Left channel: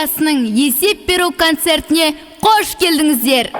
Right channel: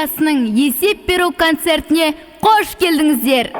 студиясының есеп беру концертіне қош келдіңіздер.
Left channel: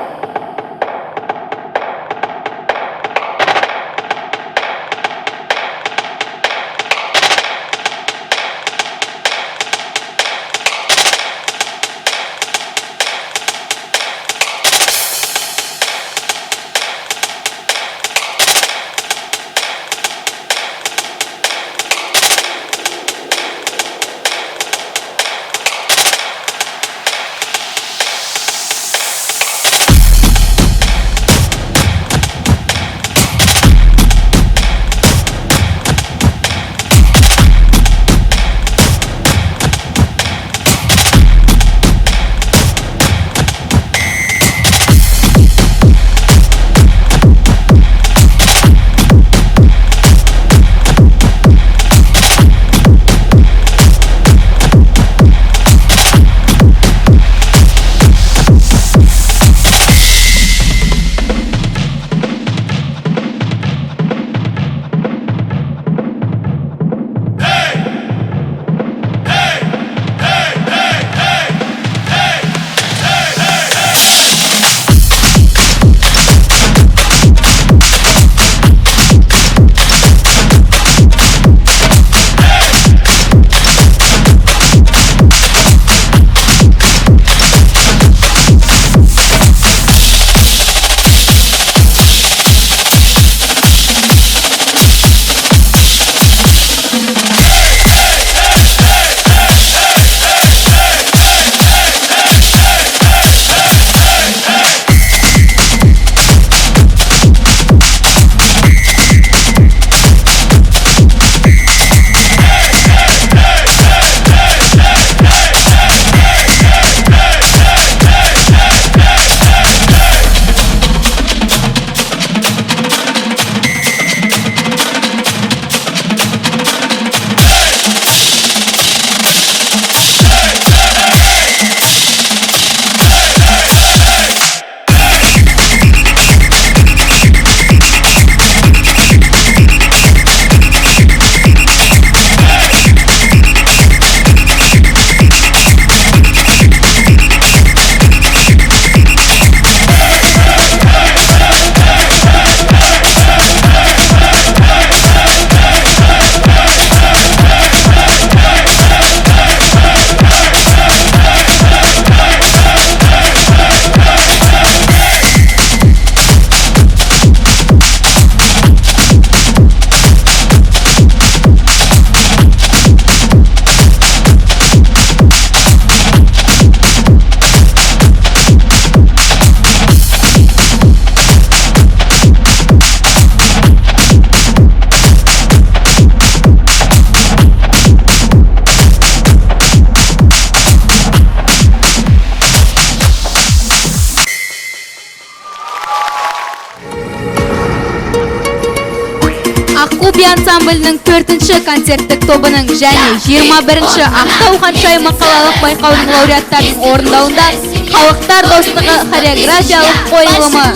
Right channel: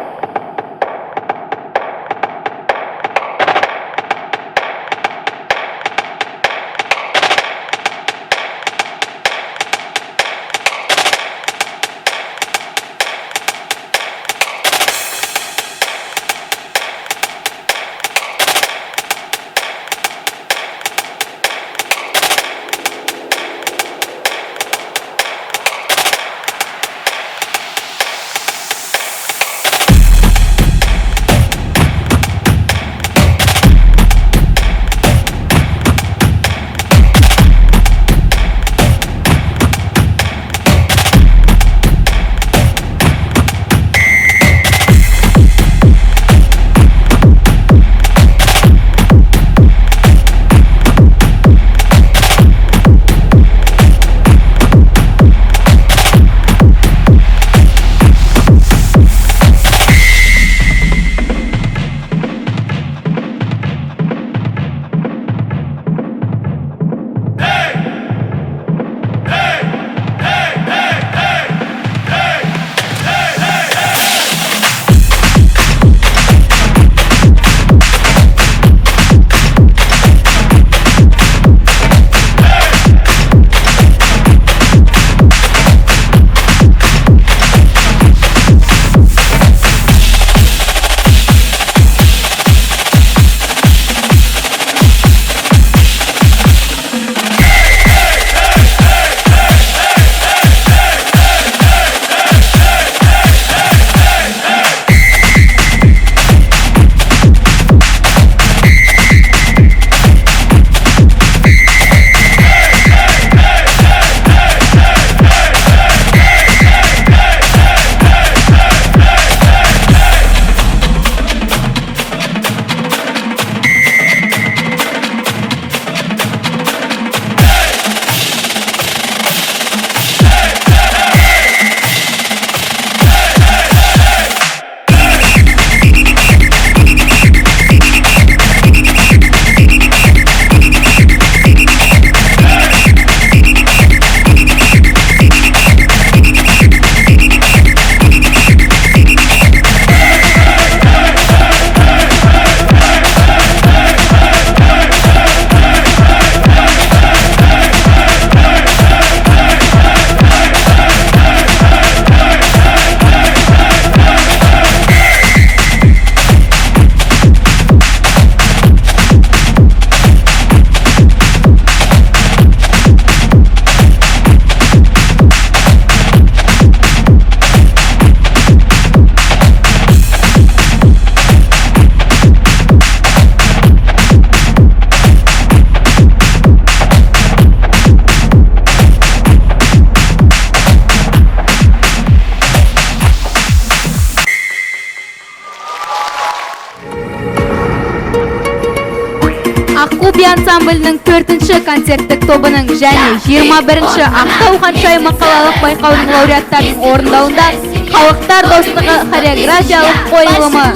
Аққу ансамблінің 4-ші концерттік тобының және 21-ші Ақтау ханшайымы қалалық байқаудың лауреаттарының орындауында халықтар достығы хореографиялық қойылымы.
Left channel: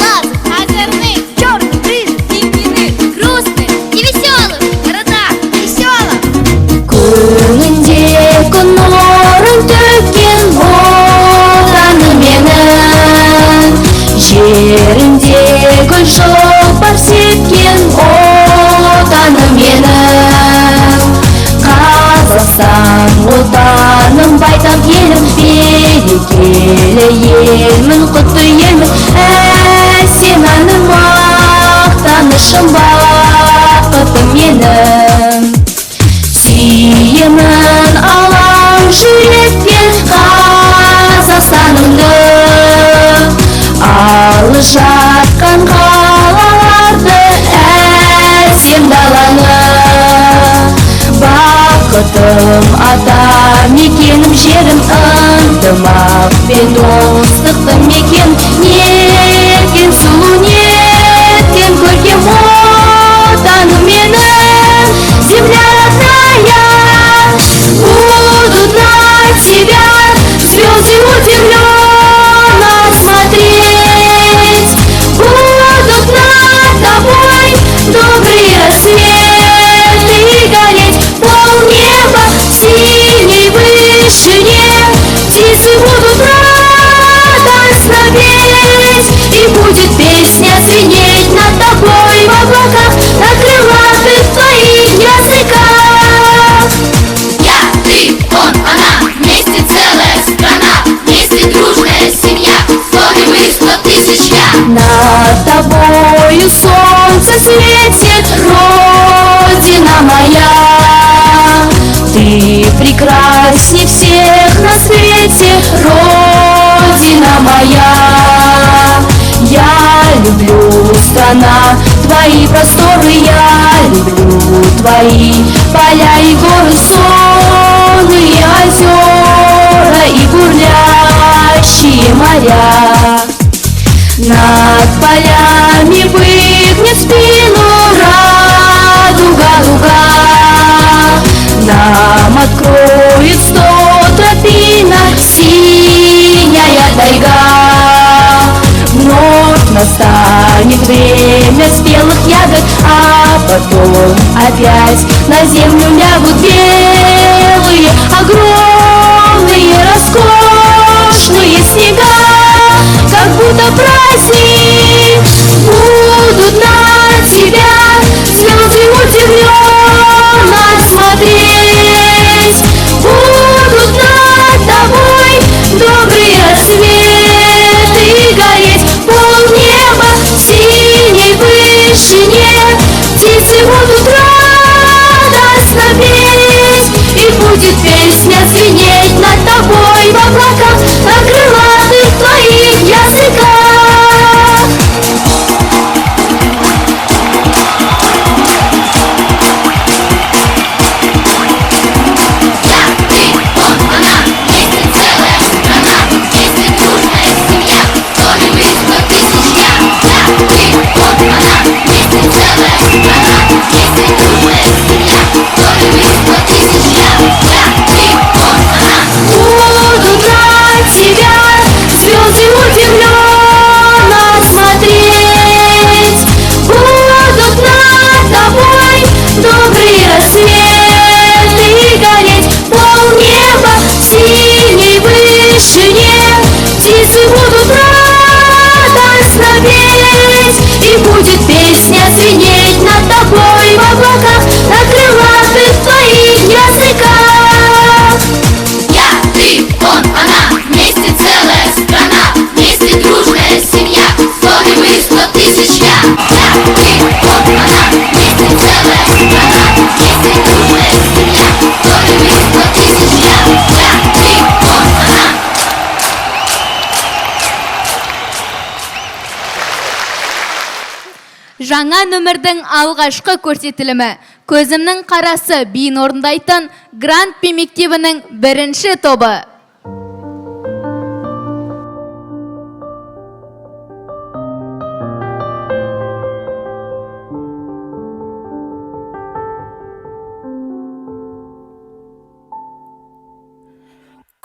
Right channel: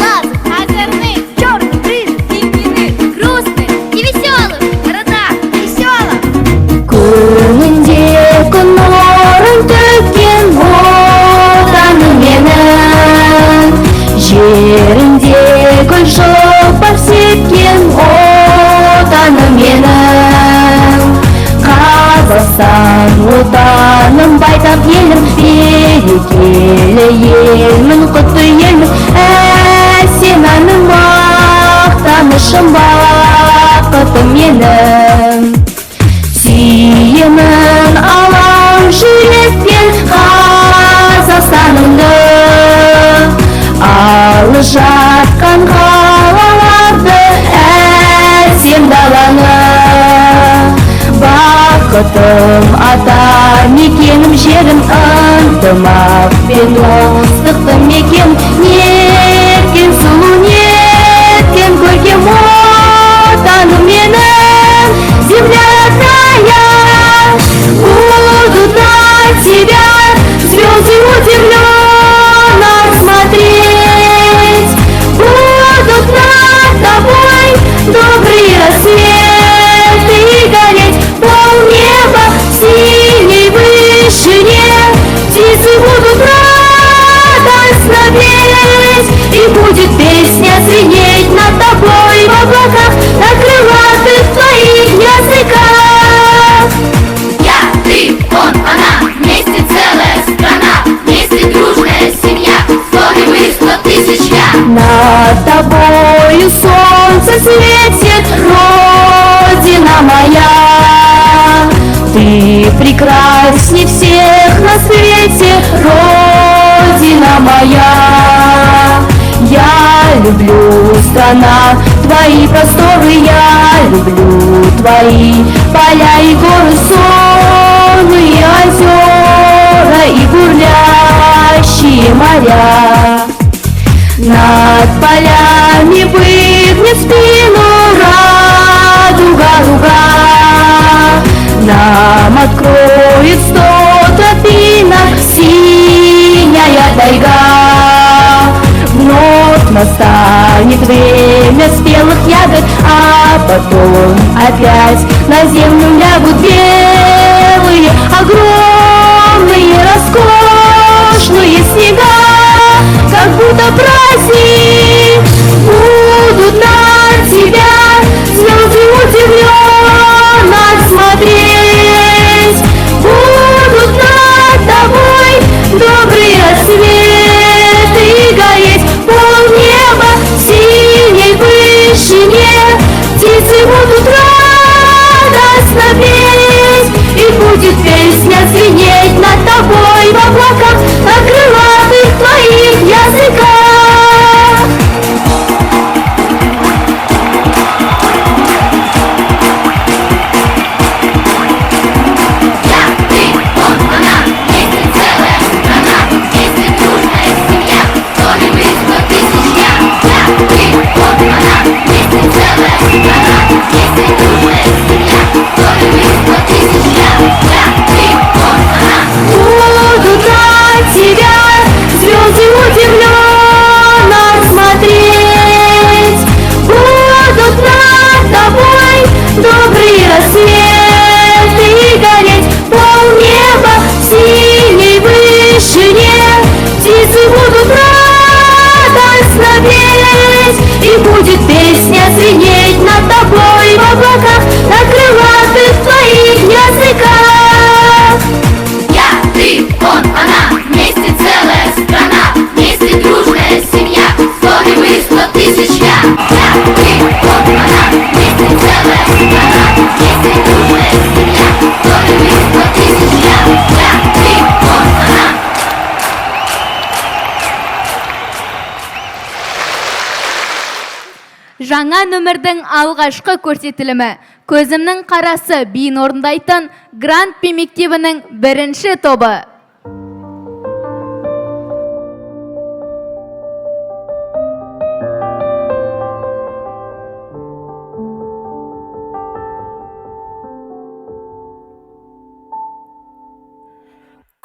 Жерім ынтымақ пен достықты мекен тысяч я. Над тобою солнце светит, Родина моя. Ты прекрасней всех на свете, Родина моя. Я люблю, страна, твои просторы, я люблю твои поля и горы, сонные озера и бурлящие моря. Над полями выгнет спину радуга луга, нам откроет 100 тропинок синяя тайга. Вновь настанет время спелых ягод, а потом опять на землю лягут белые, огромные, роскошные снега. Как будто праздник, будут на тебя звезды удивленно смотреть. Будут над тобой добрые рассветы гореть. Полнеба в синей вышине, птицы будут радостно петь. И будет песня звенеть над тобой в облаках, на крылатых твоих языках. Будут на тебя звезды удивленно смотреть. Будут над тобой добрые рассветы гореть. Полнеба в синей вышине, птицы будут радостно петь. И будет песня звенеть над тобой в облаках, на крылатых твоих языках. Я, ты, он, она, вместе целая страна, вместе дружная семья, 100 и вы, 100 тысяч я. Я, ты, он, она, вместе целая страна, вместе дружная семья, 100 и вы, 100 тысяч я. Я, ты, он, она. Жаңа нөмірдің алғашқы көрсетілімі «Көзімнің қарасы» биін орындайтын Гранд Би мектебінің бірінші тобы.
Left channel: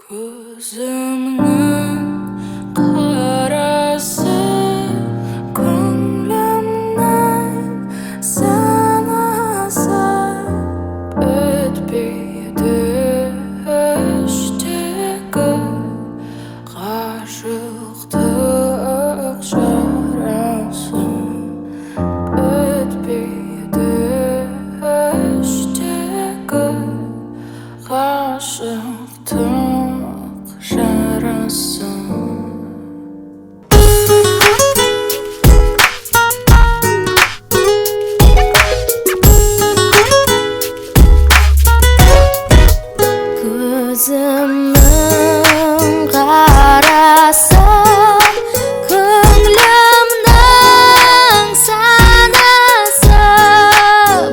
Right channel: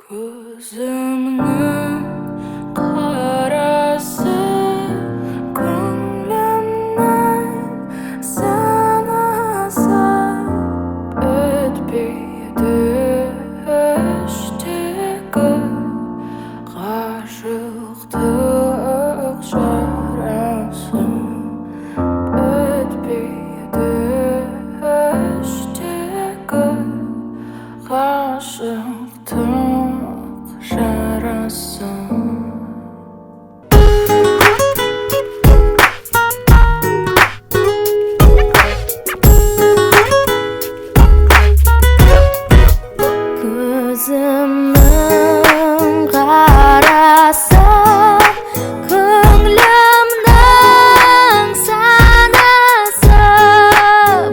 Көзімнің қарасы, санасы өтпейді іштегі ғашықтық жарасы. Өтпейді іштегі ғашықтық жарасы. Көзімнің қарасы, көңілімнің санасы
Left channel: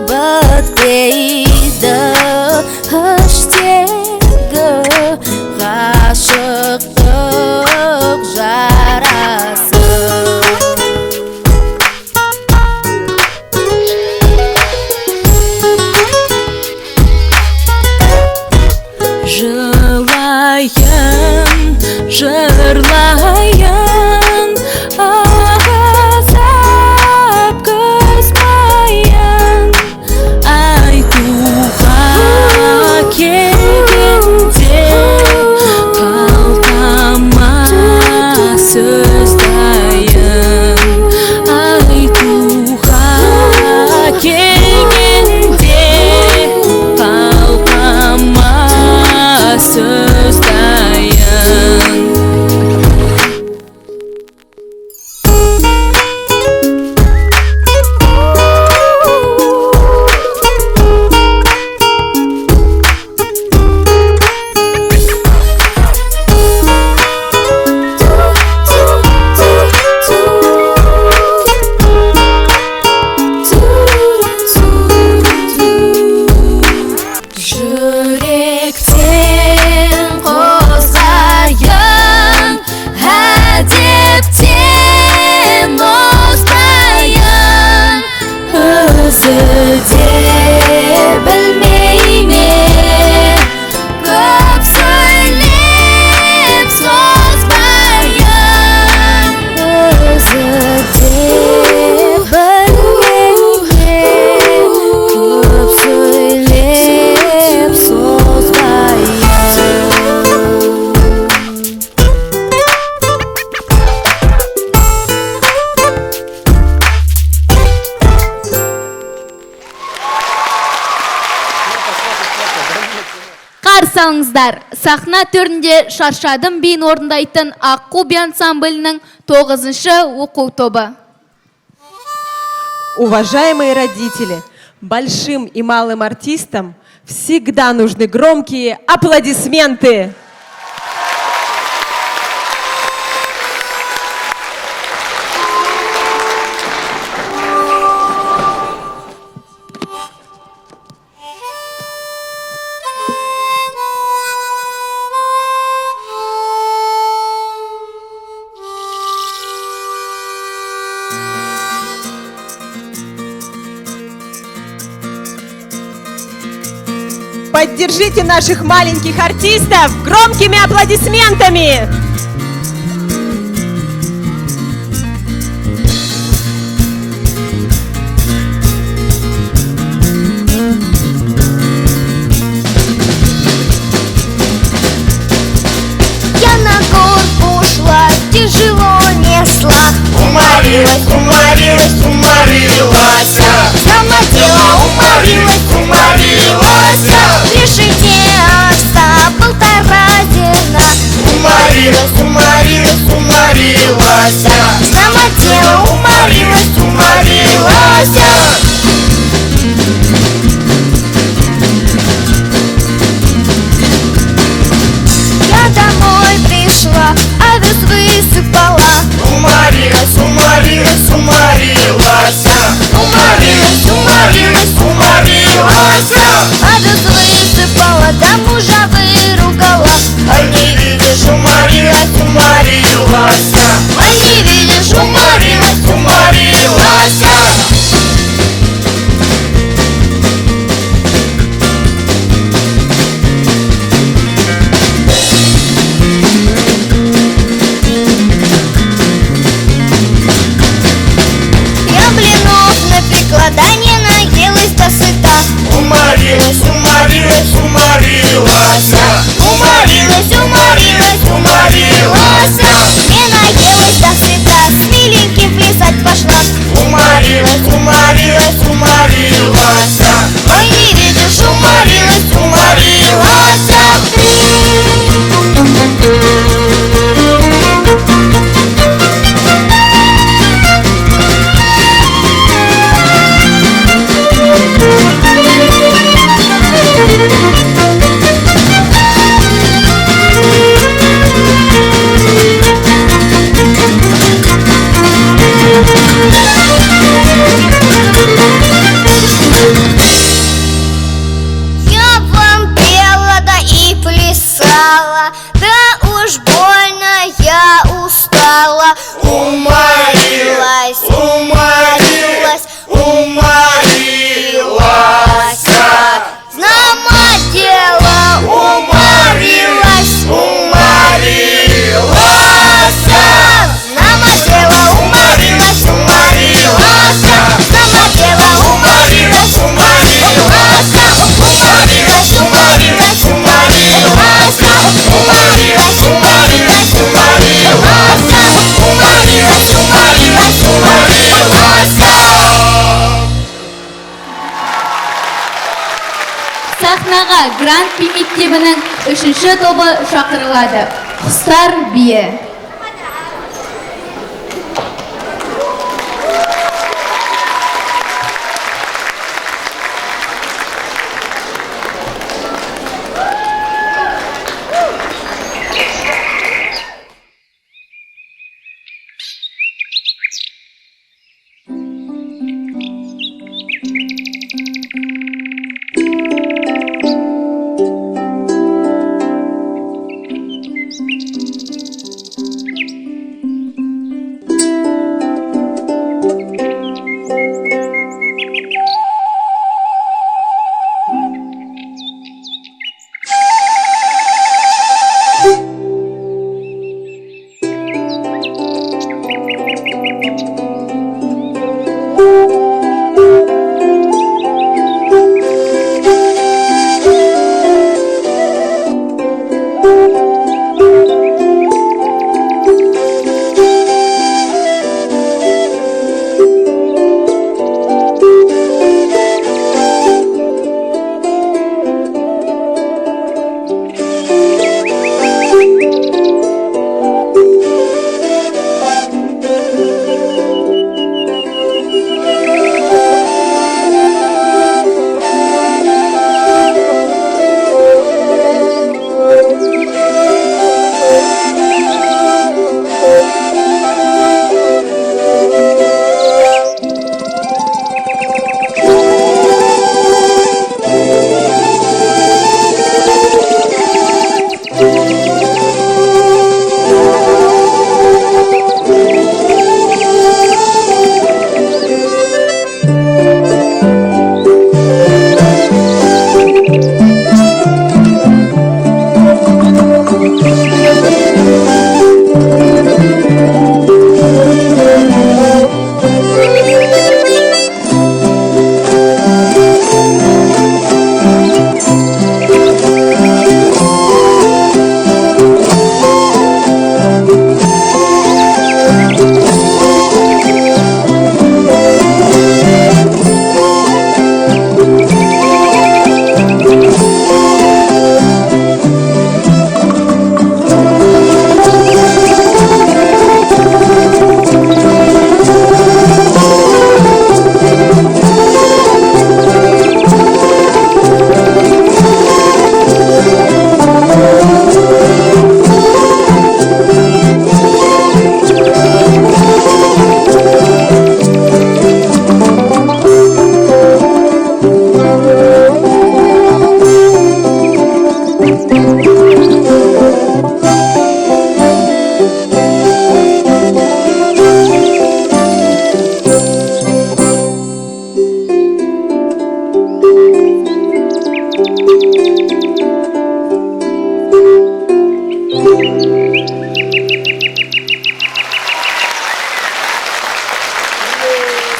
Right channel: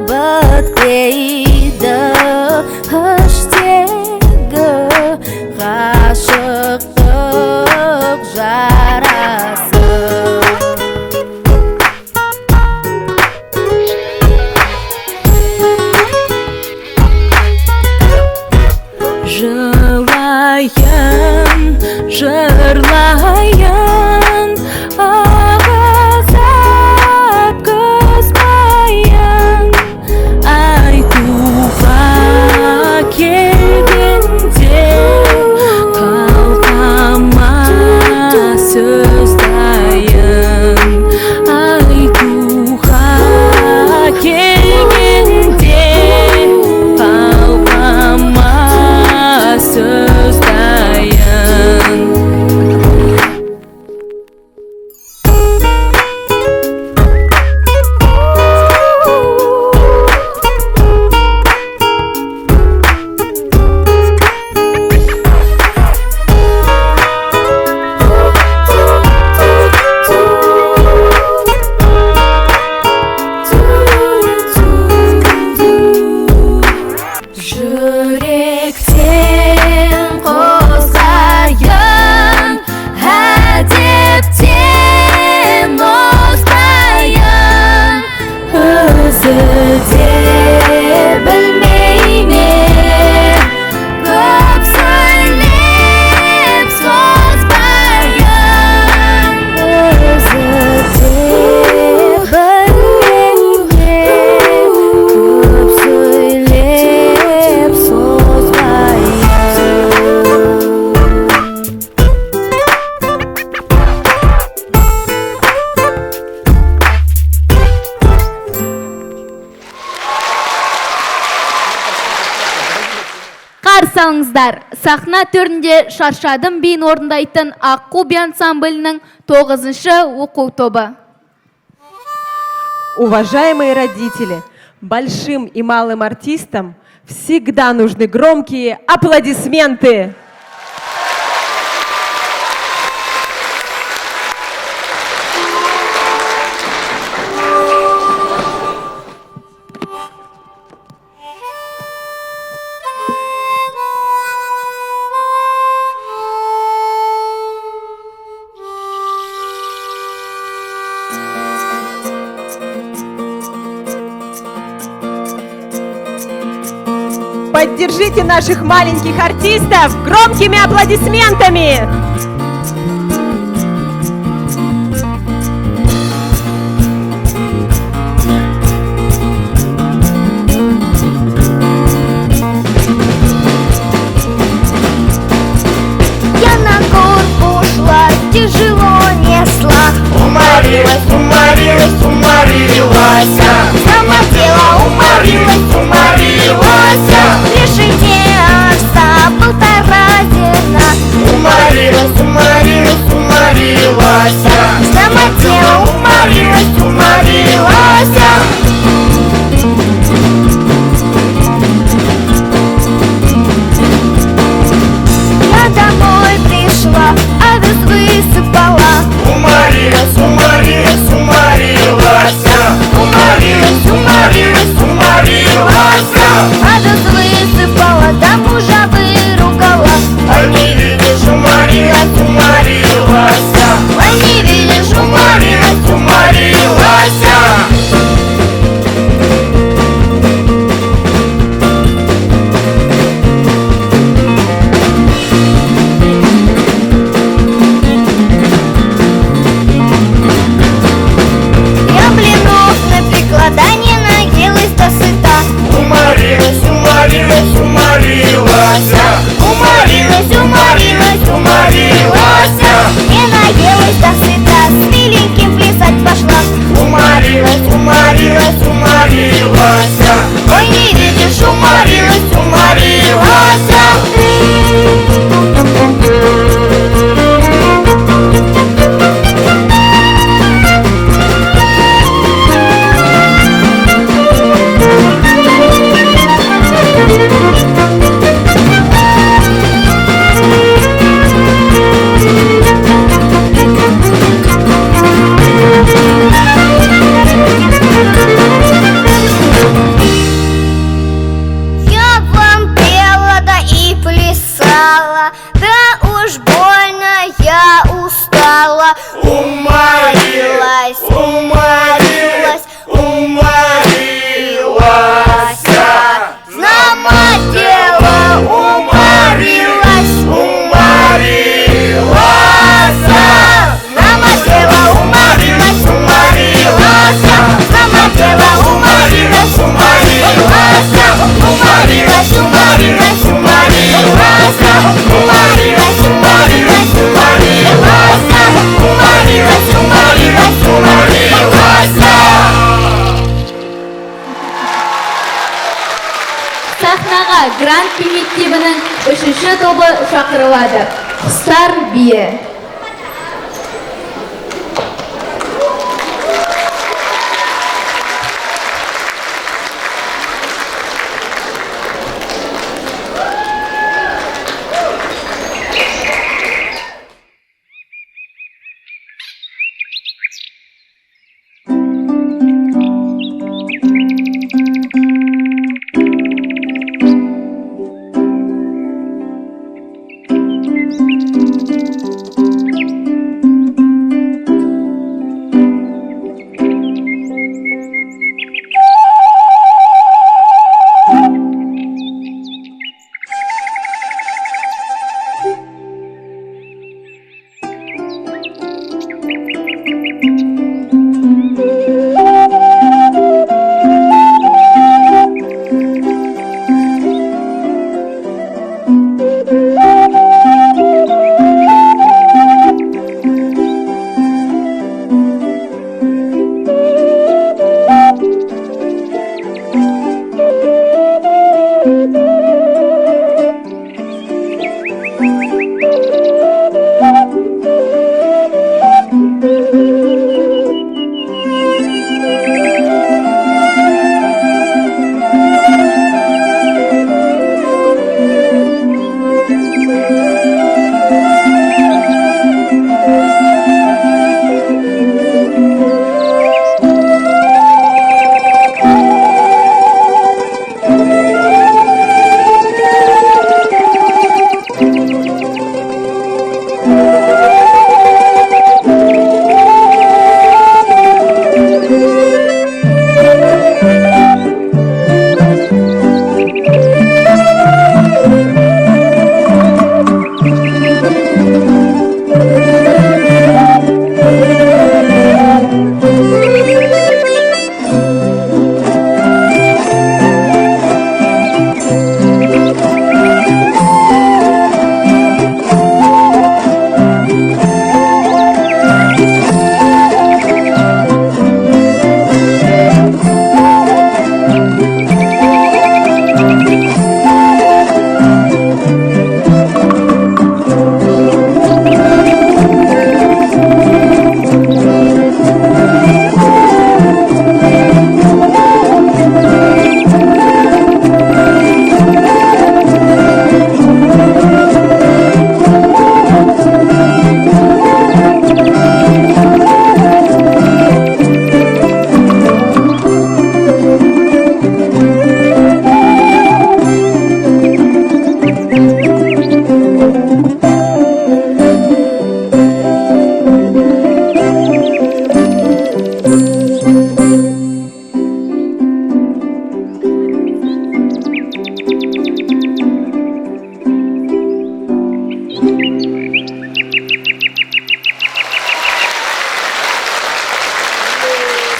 бітпейді іштегі ғашықтық жарасы. Жылайын, жырлайын, ағызып күз майын, айтуға келгенде қалқама сөз дайын. Айтуға келгенде қалқама сөз дайын. Сахна төрінде шаршадым биін орындайтын Аққу би ансамблінің 9-шы оқу тобы. Уважаемые родители, большим и малым артистам всегда нужны громкие аплодисменты. Поддержите наших маленьких артистов громкими аплодисментами! Я на горку ушла, тяжело несла. Уморилась, уморилась, уморилась. Замотила, уморилась, уморилась. Лишите овса 1,5 зерна. Уморилась, уморилась, уморилась. Замотила, уморилась, уморилась. Я домой пришла, адрес высыпала. Уморилась, уморилась, уморилась. Уморилась, уморилась, уморилась. Адрес высыпала, да мужа выругала. А не видишь, уморилась, уморилась. А не видишь, уморилась, уморилась. Я блинов напекла, да не наелась до сыта. Уморилась, уморилась, уморилась. Уморилась, уморилась, уморилась. Не наелась до сыта, с великим плясать пошла. Уморилась, уморилась, уморилась. Ой, не видишь, уморилась, уморилась. Я вам пела, да и плясала, да уж больно я устала. Уморилась, уморилась, уморилась. Намотела, уморилась, уморилась. Намотела, уморилась, уморилась. Намотела, уморилась, уморилась. Уморилась, уморилась, уморилась. Уморилась, уморилась, уморилась. Уморилась, уморилась, уморилась. Сахнаға Грант би мектебінің 3-ші тобы шақырылады. Құстар биі.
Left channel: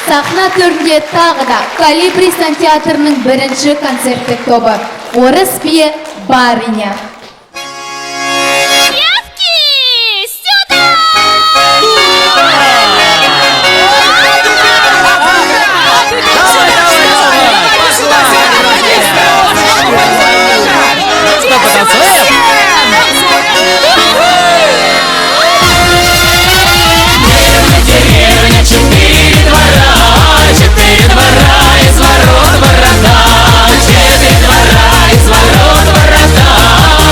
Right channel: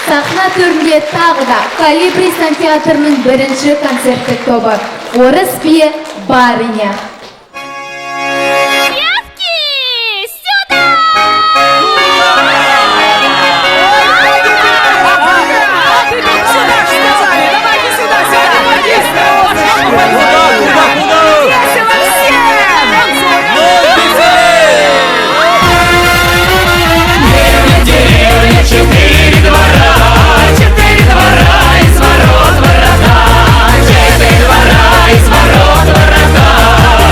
Сахна төрінде тағы да Калибристан театрының бірінші концерттік тобы «Орыс биі Барыня». Из ворот ворота,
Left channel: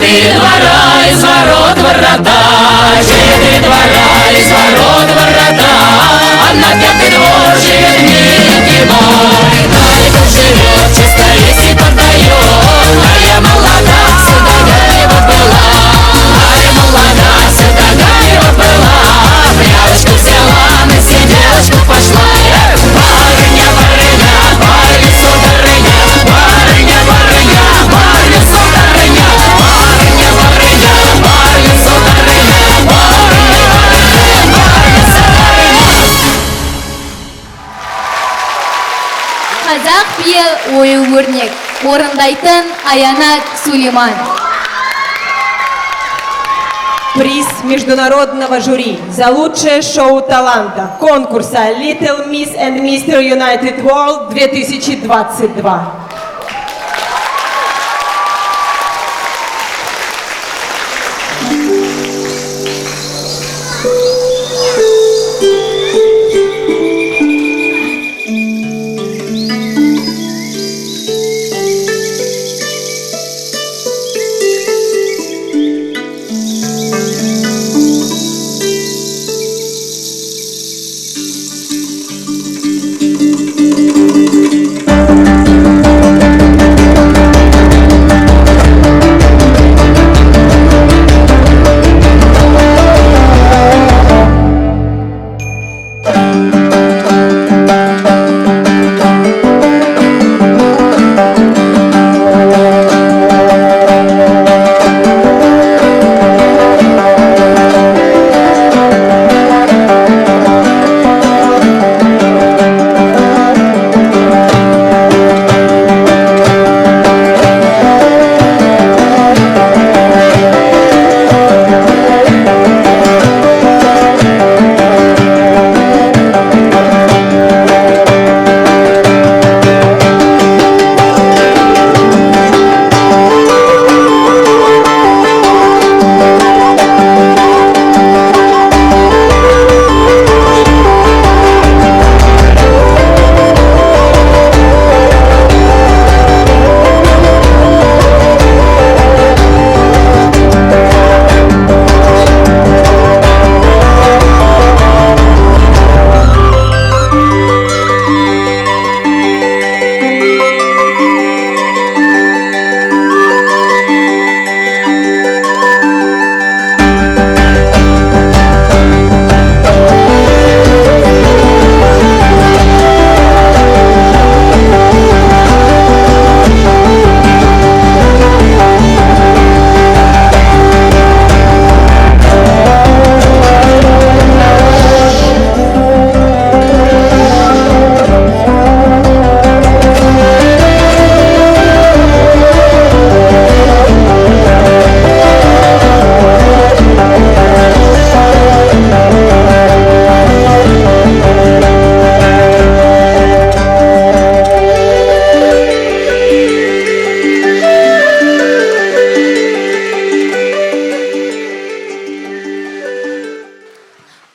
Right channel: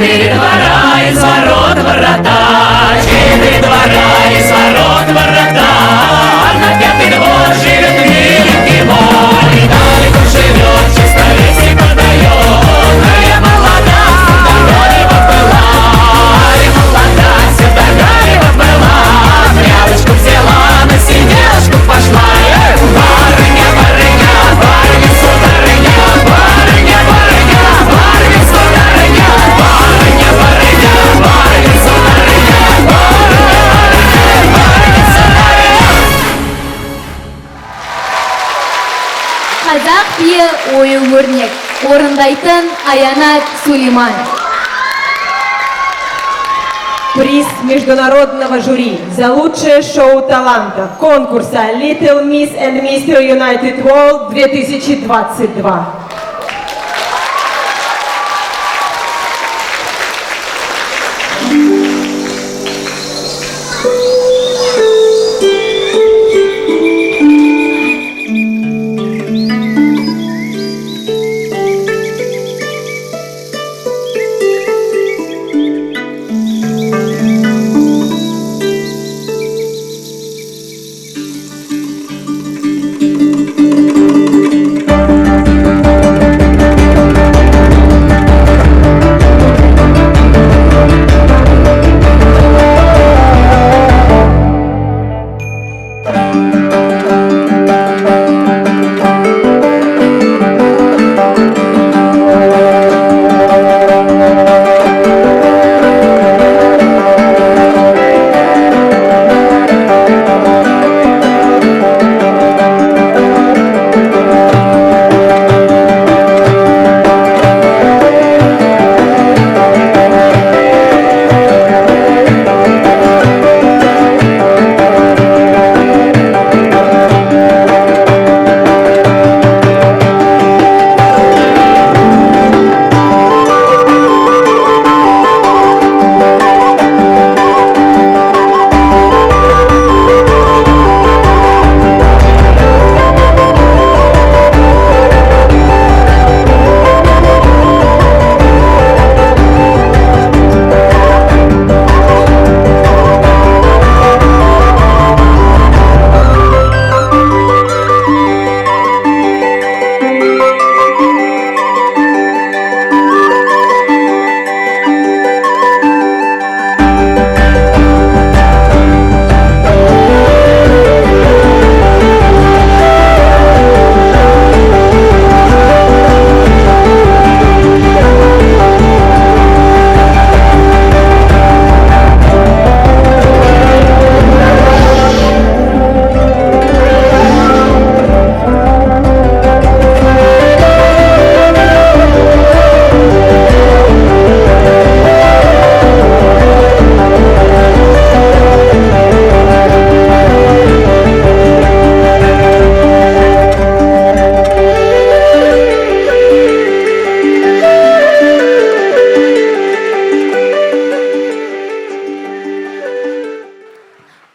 Четыре двора из ворот врата, четыре двора из ворот врата, а на пятый двор живет миленький мой. Далеко живет, чисто листья продает, а я молода, сюда его была, а я молода, сюда его была. Прялочку взяла, на сиделочку пошла. Барыня, барыня, барыня, сударыня, барыня, барыня, барыня, сударыня, барыня, барыня, барыня, сударыня, барыня, барыня, барыня, сударыня. Қазақ биі ою-өрнек. Орындайтын Аянат Сулейман. Приз международного жюри за лучшее шоу таланта конкурса Little Miss and Mr. United World 2022.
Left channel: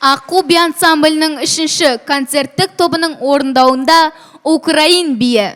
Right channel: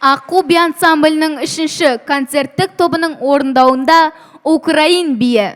Аққу би ансамблінің 3-ші концерттік тобының орындауында Украин биі.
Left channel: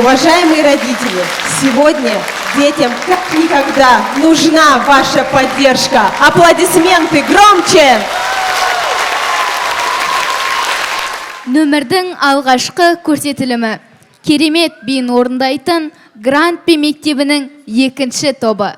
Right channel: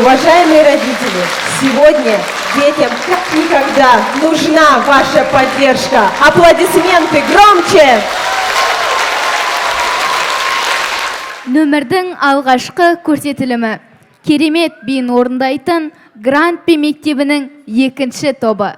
Уважаемые родители, сегодня детям как никогда нужна ваша поддержка. Аплодисменты громче! Нөмірдің алғашқы көрсетілімі. Керемет биін орындайтын Гранд Би мектебінің екінші тобы.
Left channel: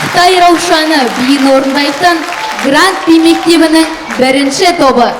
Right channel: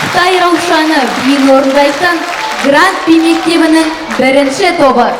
Қытай Раушаны биін орындайтын Гранд Би мектебінің бірінші тобы.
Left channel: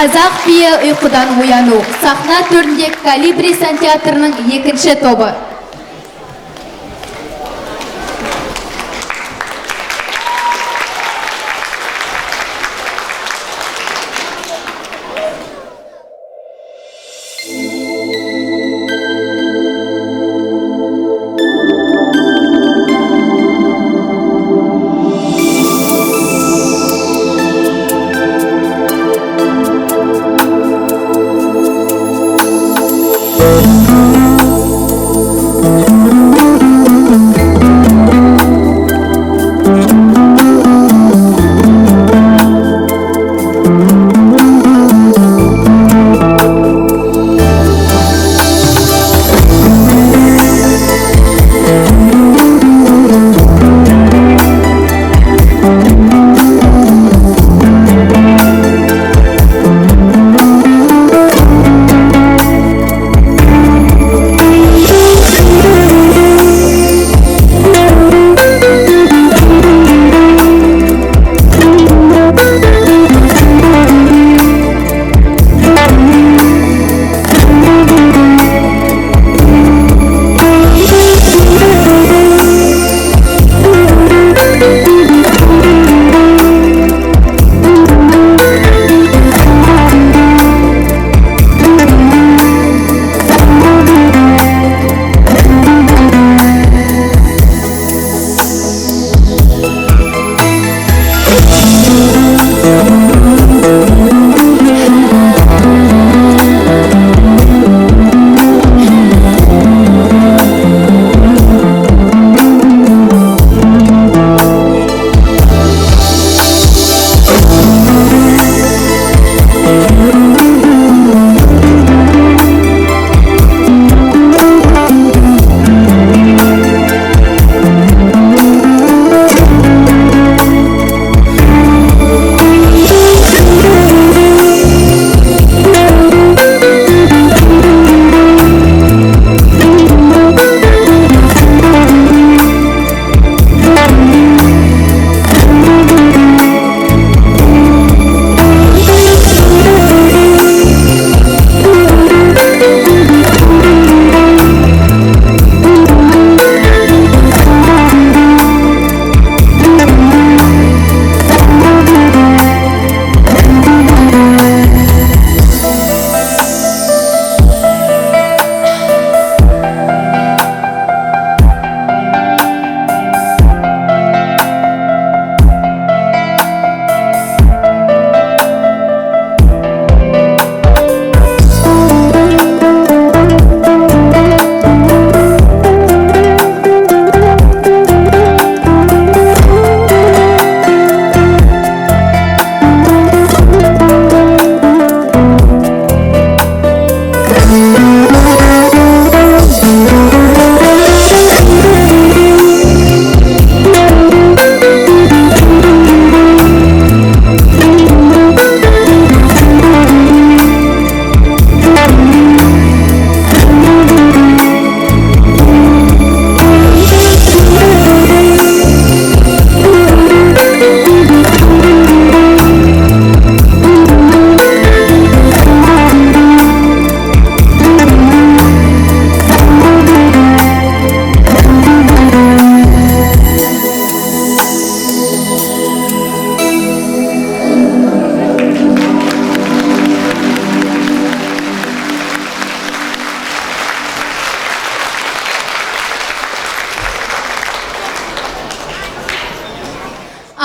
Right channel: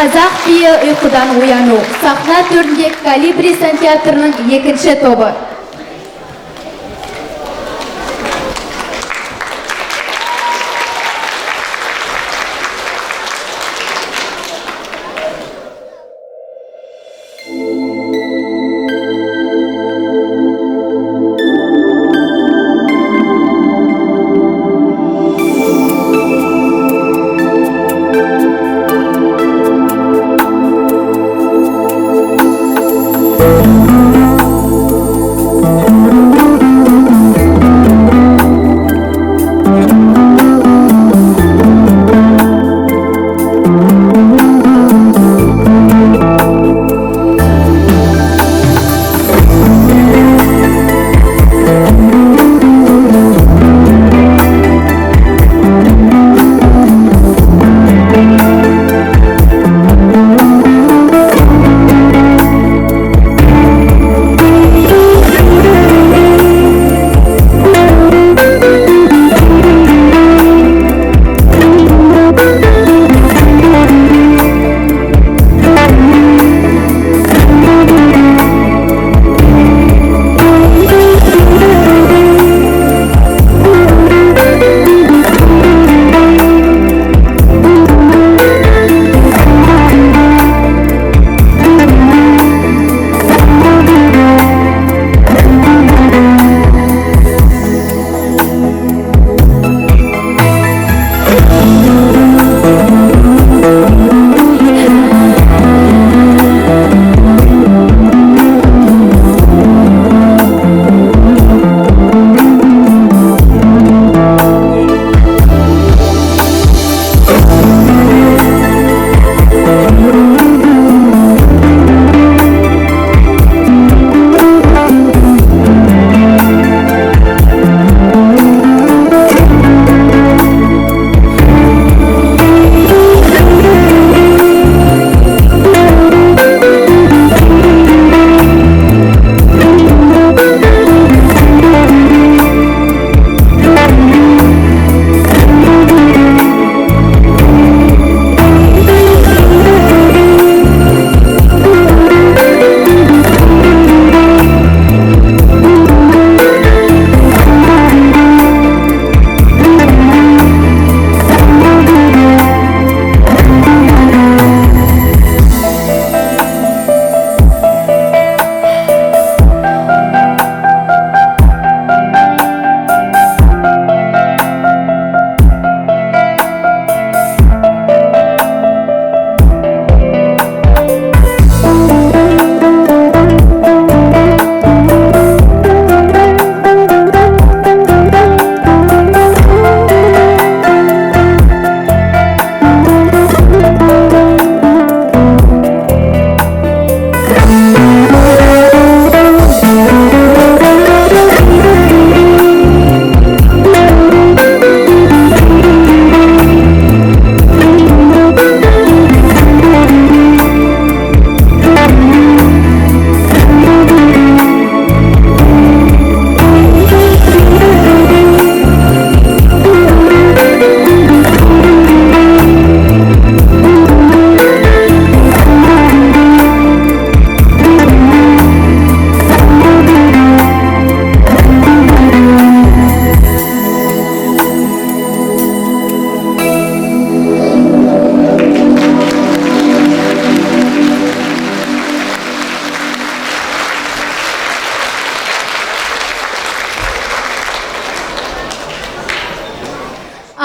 Қазақ биі ұйқыдан ояну. Сахна төрінде Калибри театрының екінші тобы.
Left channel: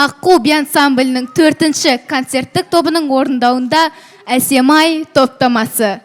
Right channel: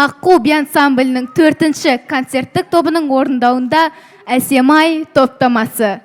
Аққу би ансамблінің 4-ші концерттік тобының орындауында Әсемай топтамасы.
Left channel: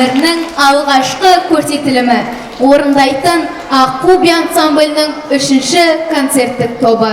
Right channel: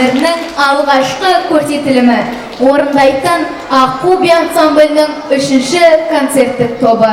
өмірінің алғашқы көрсетілімі орындайтын Аққу би ансамблінің 3-ші концерттік тобы.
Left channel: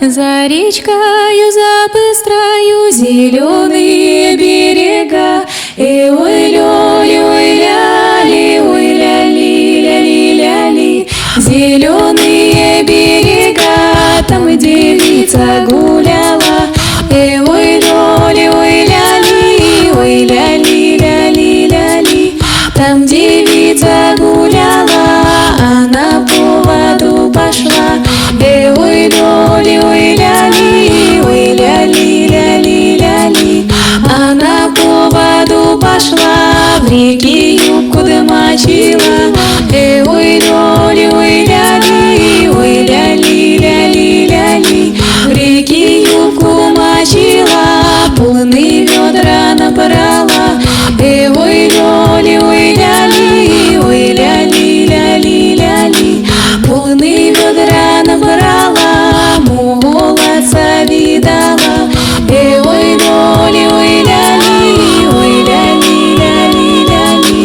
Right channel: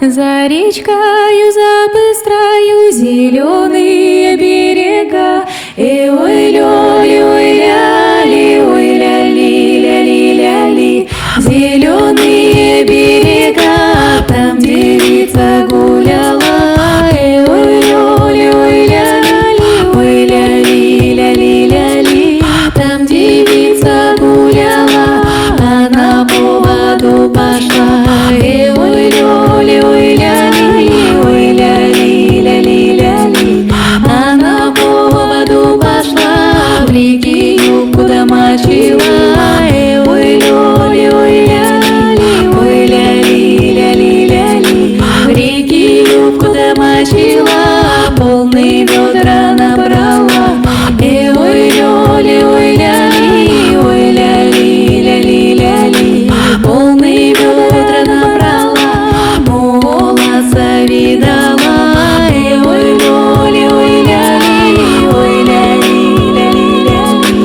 За речкою, за быстрою зеленые берега, и ой-ля-ли, ой-ля-ли, ой-ля-ли, ля-ли, ля-ли. Зеленые берега, там девица гуляла, и ой-ля-ли, ой-ля-ли, ой-ля-ли, ля-ли, ля-ли. Там девица гуляла, она по воду пошла, и ой-ля-ли, ой-ля-ли, ой-ля-ли, ля-ли, ля-ли. Она по воду пошла, в реке юбку домочила, и ой-ля-ли, ой-ля-ли, ой-ля-ли, ля-ли, ля-ли. В реке юбку домочила, полные ведра набрала, и ой-ля-ли, ой-ля-ли, ой-ля-ли, ля-ли, ля-ли. Полные ведра набрала, молодца видала, и ой-ля-ли, ой-ля-ли, ой-ля-ли, ля-ли, ля-ли.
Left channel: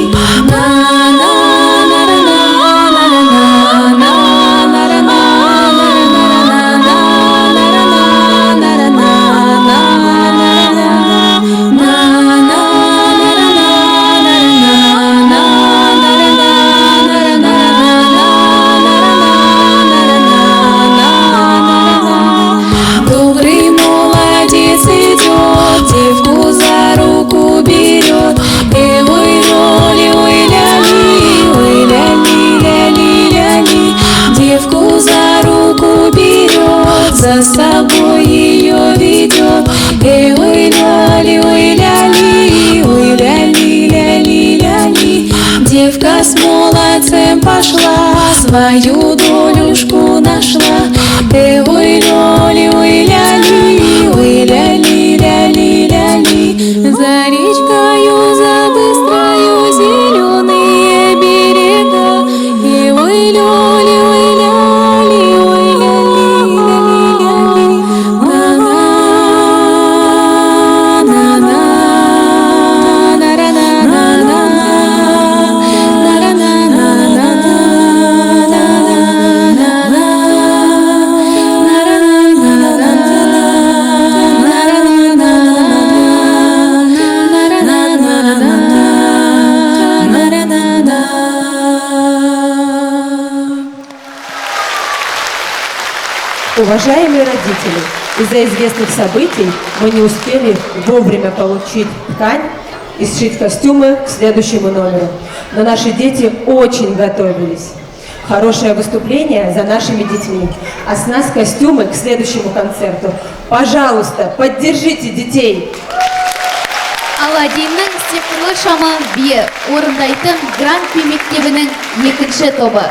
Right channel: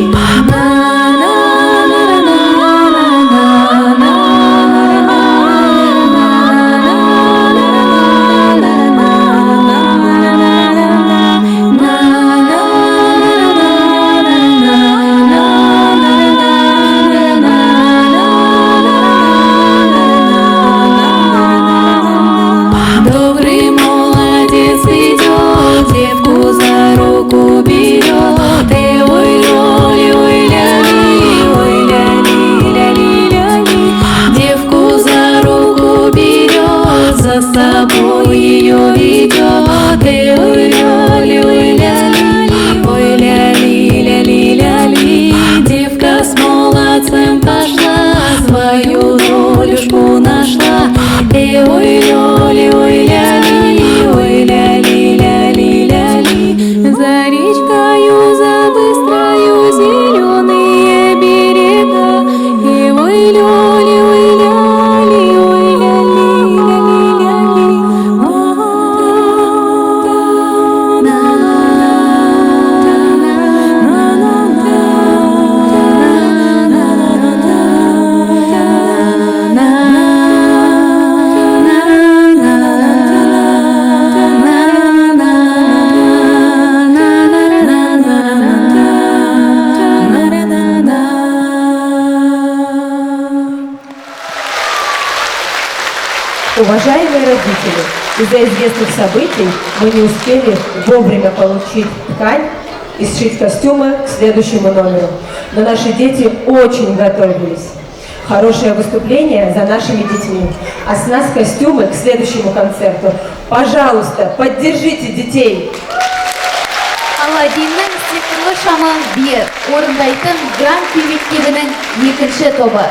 Добрый молодец идет, девку за руку берет, и ой-ля-ли, ой-ля-ли, ой-ля-ли, ля-ли, ля-ли. Девку за руку берет, за собой ее ведет, и ой-ля-ли, ой-ля-ли, ой-ля-ли, ля-ли, ля-ли. Девка с молодцем пошла, свою долюшку нашла, и ой-ля-ли, ой-ля-ли, ой-ля-ли, ля-ли, ля-ли. За речкою, за быстрою зеленые берега, и ой-ля-ли, ой-ля-ли, ой-ля-ли, Уважаемые родители, из-за известных событий мы не успели вовремя получить ткань и сшить костюмы к следующему номеру. Но наши дети очень готовились. Хорошее выступление за нашими детьми. А с нас костюмы к следующему концерту. Пожалуйста, поддержите детей. Аладдиннің сиқырлы шамы бие орындайтын Гранд би мектебінің 2-ші тобы.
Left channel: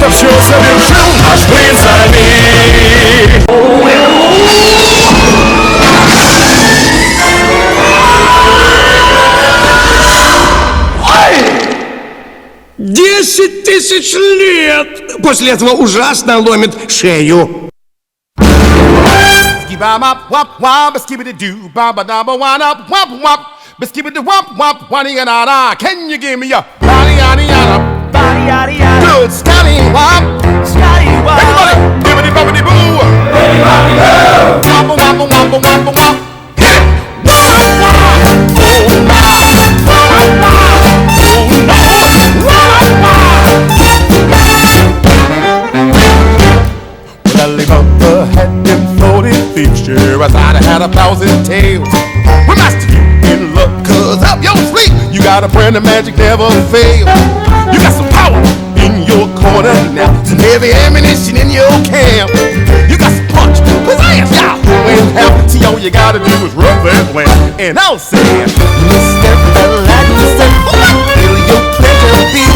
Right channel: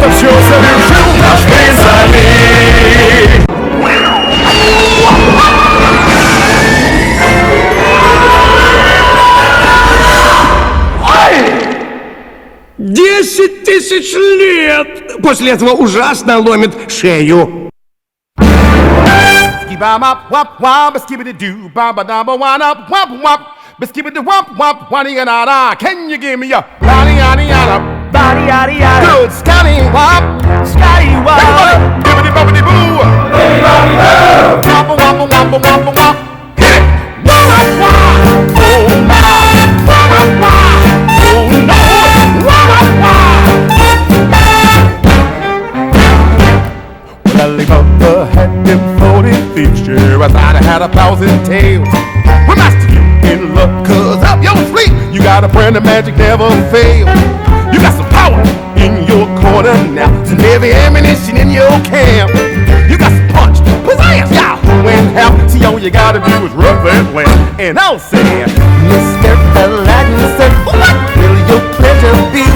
Cause you're stay inside me. Десять тысяч лет! После этого ужасно ломит шею. Can you give me a good Scotty Wop? Scotty Wop. Bibbidi bobbidi boo. Bibbidi bobbidi boo. Wop wop wop wop wop wop. Sure, I thought I had 1,000 tails. But master, you in luck, cause up your sleep, you got a brand of magic never fail. You got some power in your corner now, some heavy ammunition in your camp. You got some punch, pizzazz, yeah, when help. See, all you gotta do is rough and laugh. And I'll say, Mr. Relaxer, what will your pleasure be?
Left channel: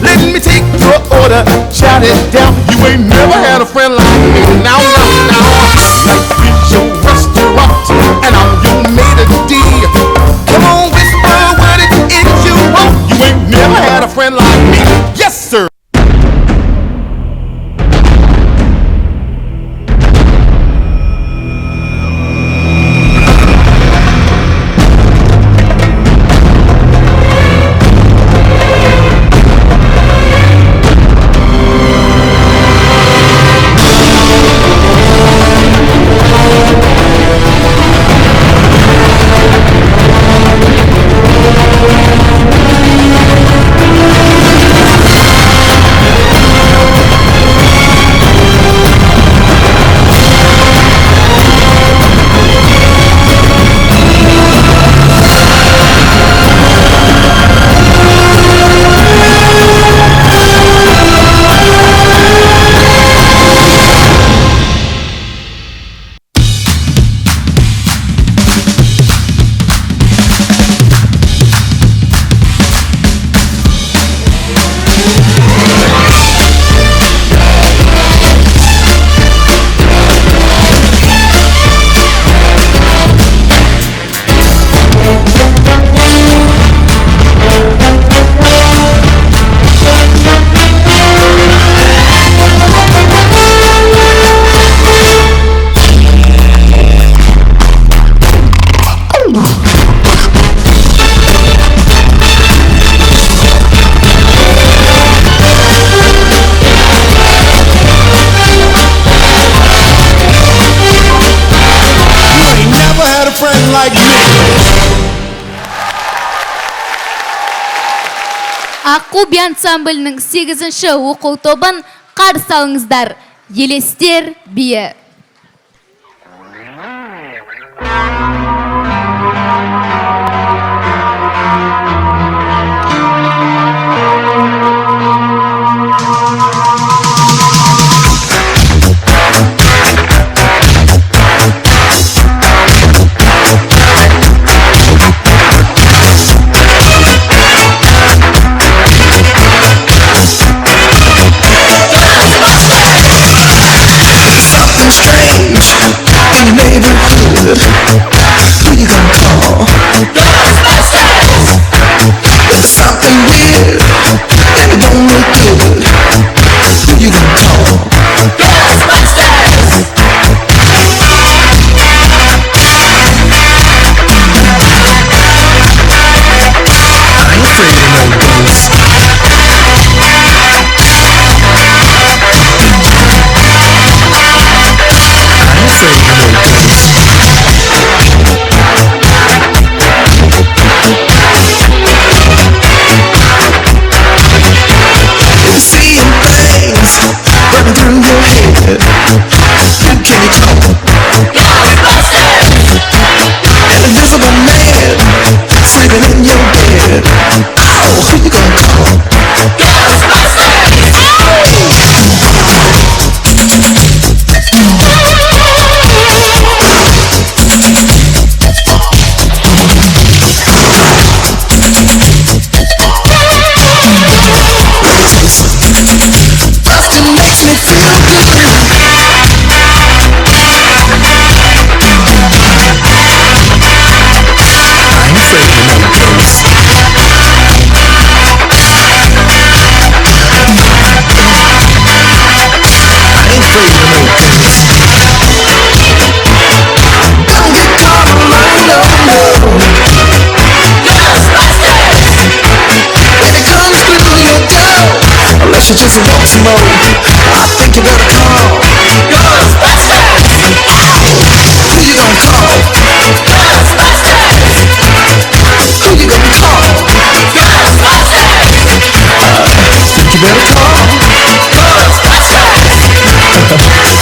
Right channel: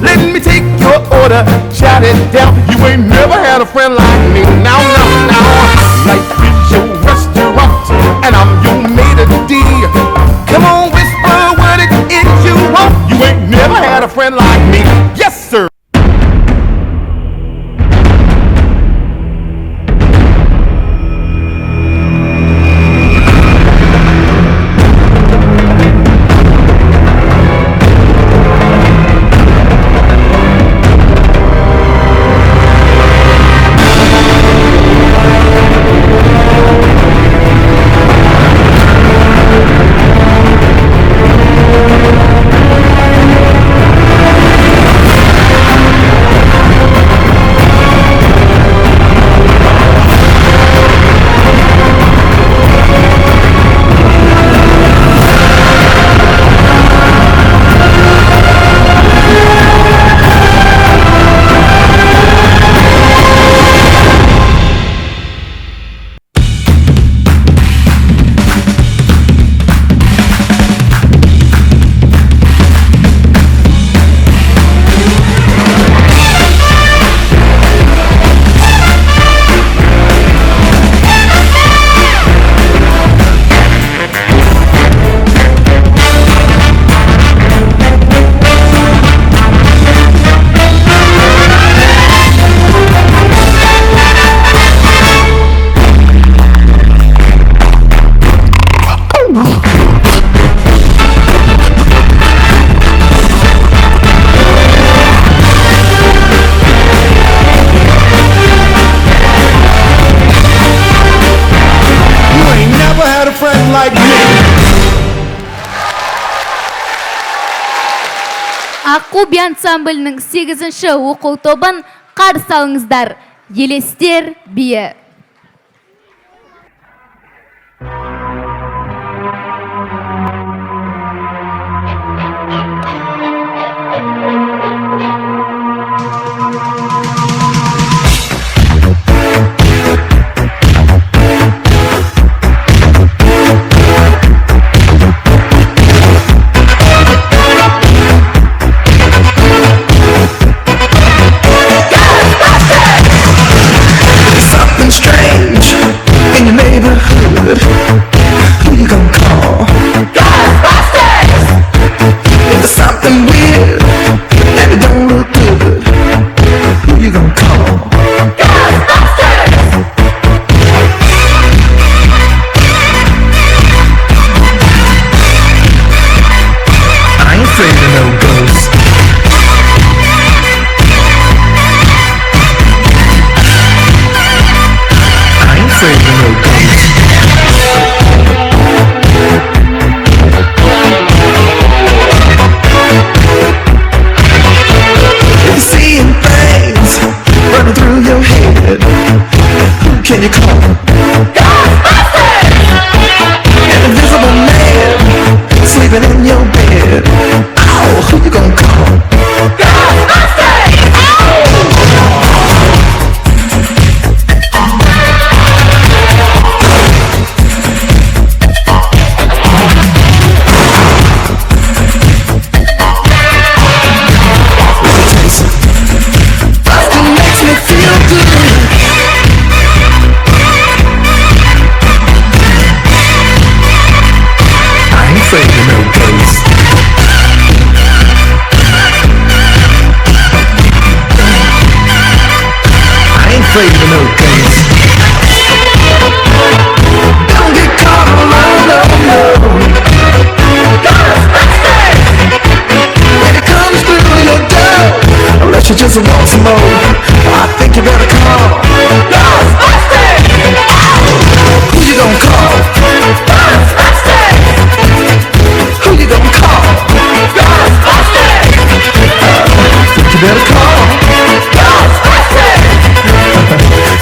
Let me take your order, shout it down. You ain't never had a friend like me. Now, your restaurant, and all you made a deal. Come on, whisper what it is you want. You ain't never had a friend like me. Yes, sir. Аққу ансамблінің 8-ші оқу тобын қарсы алыңыздар. Елестер биі. she just wants some more. I think you better call Ghostbusters. Who you gonna call? Ghostbusters. Who you gonna call? Ghostbusters. Think you better call Ghostbusters.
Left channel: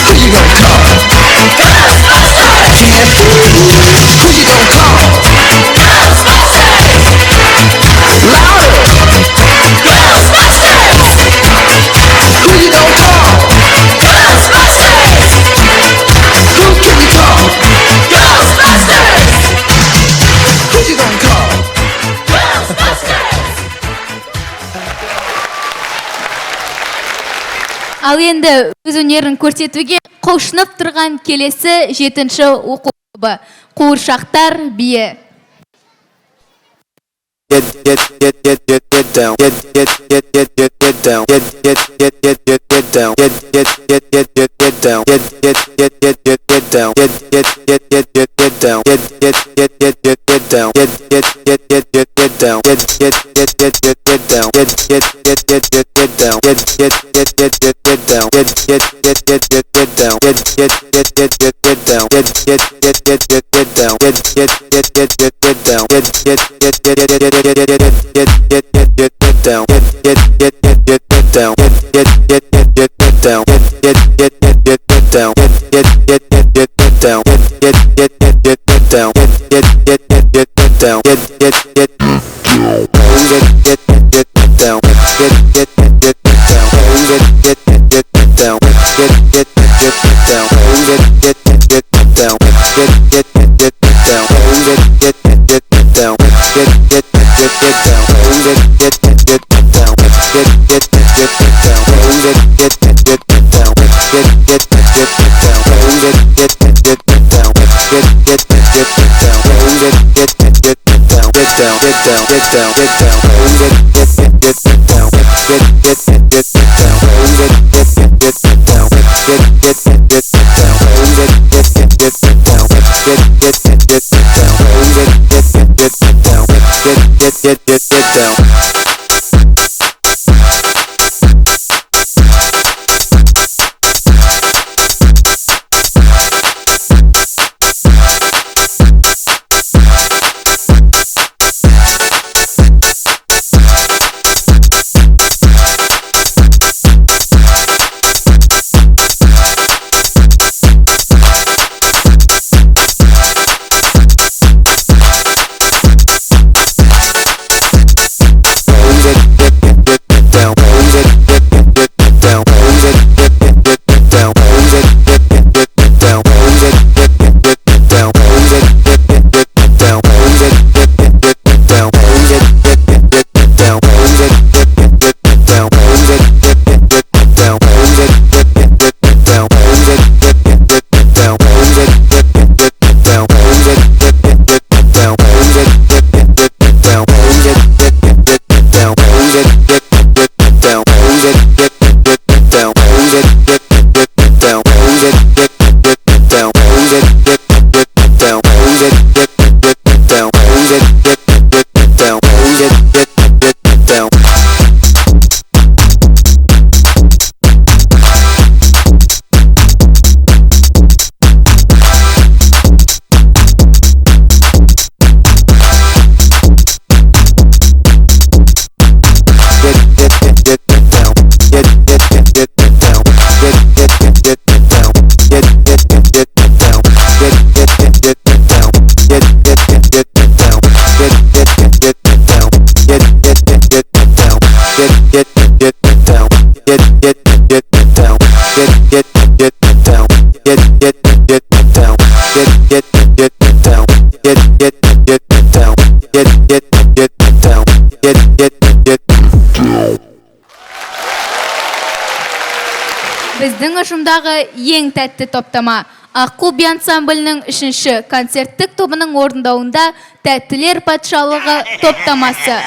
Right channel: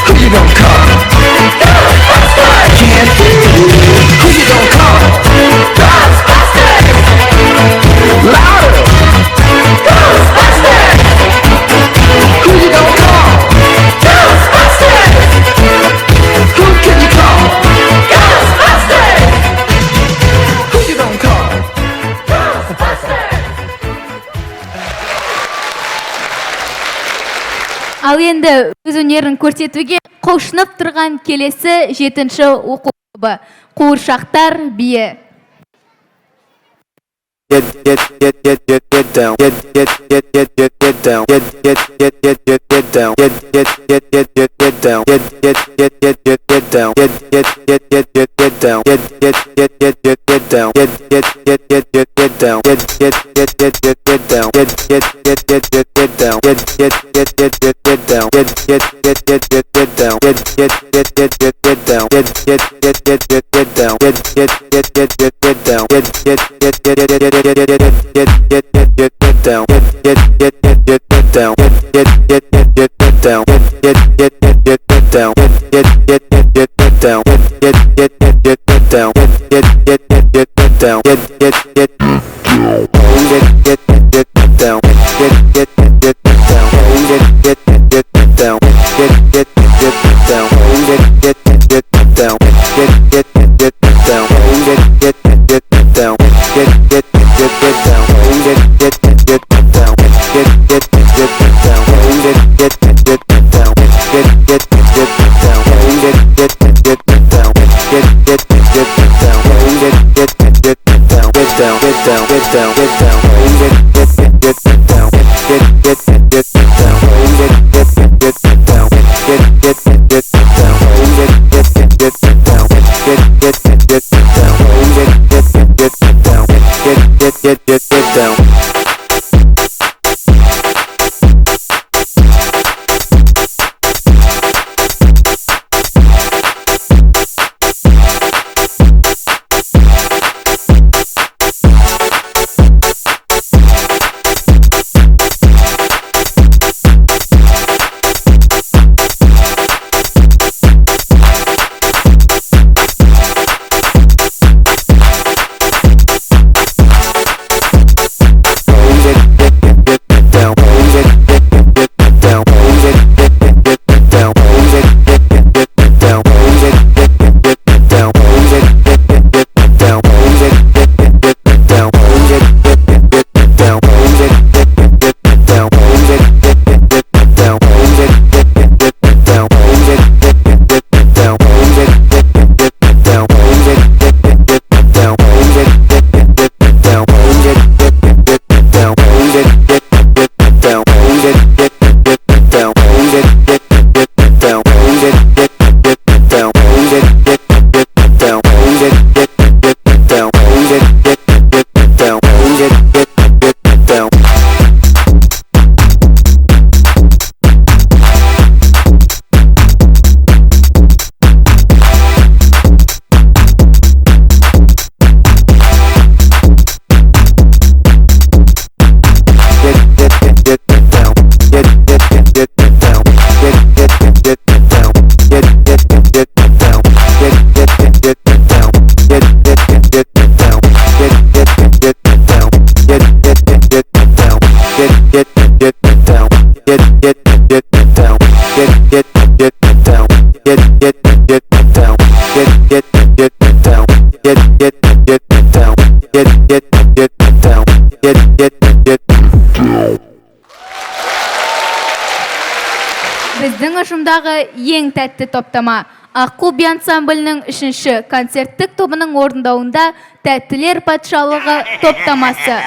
Who you gonna call? Ghostbusters. Yeah. Who you gonna call? Ghostbusters. Louder. Ghostbusters. Who you gonna call? Ghostbusters. Who can you call? Ghostbusters. Who you gonna call? Ghostbusters. Ал енді өз өнерін көрсетуге құлшынып тұрған келесі 7-ші оқу тобы Қуыршақтар биі. Get down. Get down. Get down. Get down. Get down. Біздің ұжымдағы ең тәтті топтама Аққу би ансамблінің 3-ші концерттік тобының орындауында Тәттілер патшалығы топтамасы.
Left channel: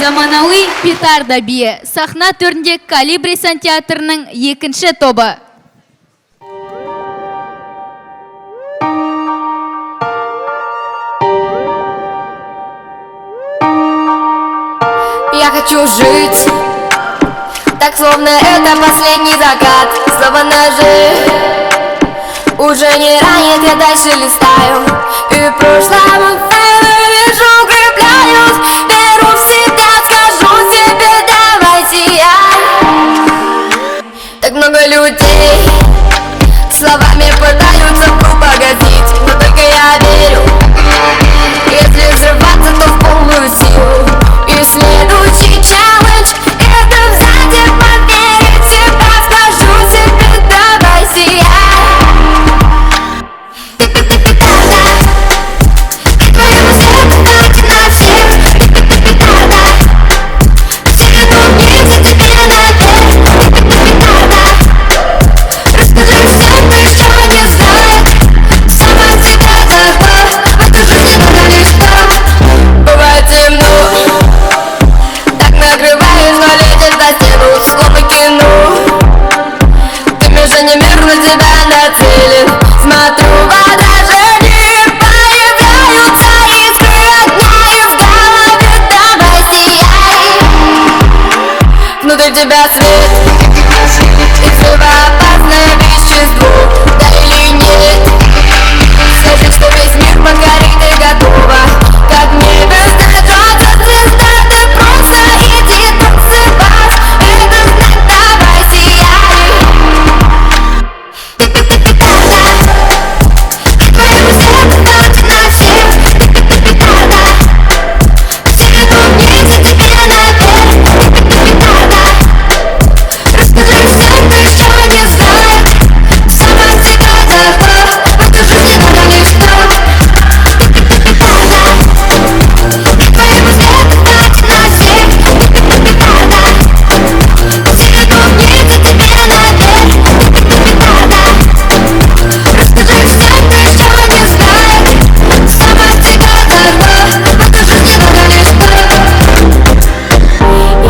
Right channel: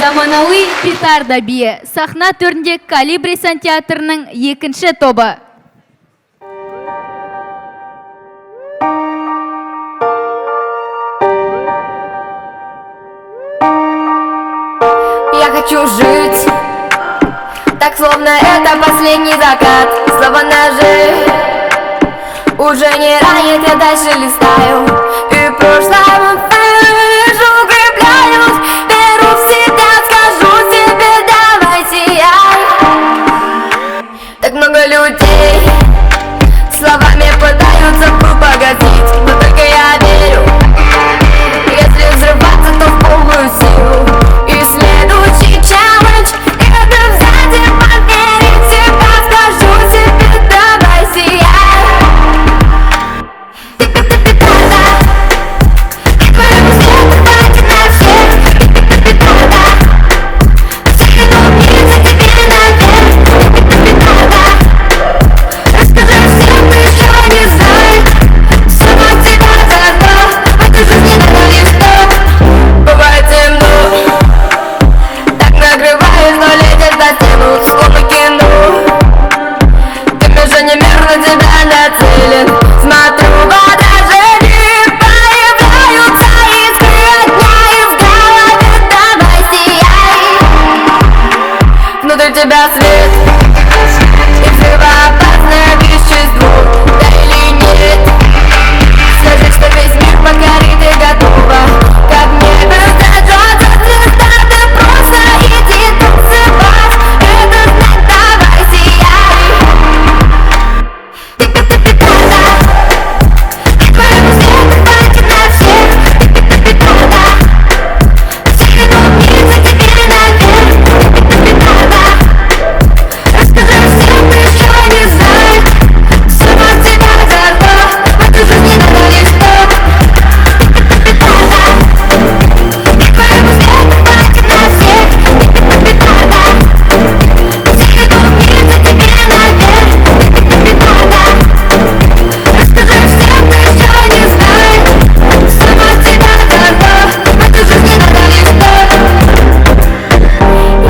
Заманауи петарда биі сахна төрінде Колибри сантеатрының екінші тобы. Я хочу жить, так словно это последний закат. Снова ножи уже не ранит, я дальше листаю. И прошлому вижу, укрепляюсь, веру в себя, скажу себе, давай сияй. Так много людей словами пытаются погасить, но только я верю, если взрываться, то в полную силу. И следующий челлендж — это сзади поверить в себя, скажу себе, давай сияй. Ты-ты-ты-ты-та-та, и твои мысли пытаются на всех. Ты-ты-ты-ты-та-та, все умницы тебе наверх. Ты-ты-ты-ты-та-та, расскажи всем, кто еще не знает. Сама себя захват, в этой жизни надо лишь так. Бывает темно, так накрываешь, но летят на стену, словно кино. Ты движением на тебя нацелен. Смотрю в отражении, появляются искры огня, и в голове давай сияй. Внутри тебя свет, и взрывоопасное вещество. Да или нет, скажи, что весь мир подгорит и готова. Как небо зажжется звезда, ты просто иди танцевать. Это знак, давай сияй. Ты-ты-ты-ты-та-та, и твои мысли пытаются на всех. Ты-ты-ты-ты-та-та, все умницы тебе наверх. Ты-ты-ты-ты-та-та, расскажи всем, кто еще не знает. Сама себя захват, в этой жизни надо лишь так. Ты-ты-ты-ты-та-та, и твои мысли пытаются на всех. Ты-ты-ты-ты-та-та, все умницы тебе наверх. Ты-ты-ты-ты-та-та, расскажи всем, кто еще не знает. Сама себя захват, в этой жизни надо лишь так.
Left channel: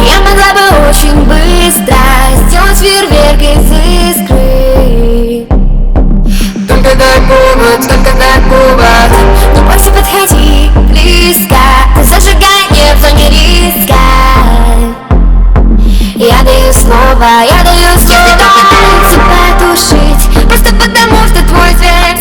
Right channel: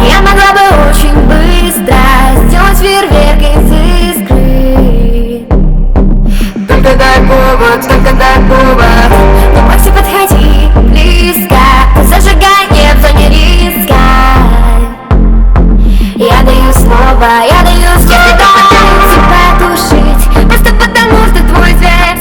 Я могла бы очень быстро сделать фейерверк из искры. Только дай повод, но больше подходи близко. Ты зажигай не в зоне риска. Я даю слово, тебя тушить. Просто потому, что твой свет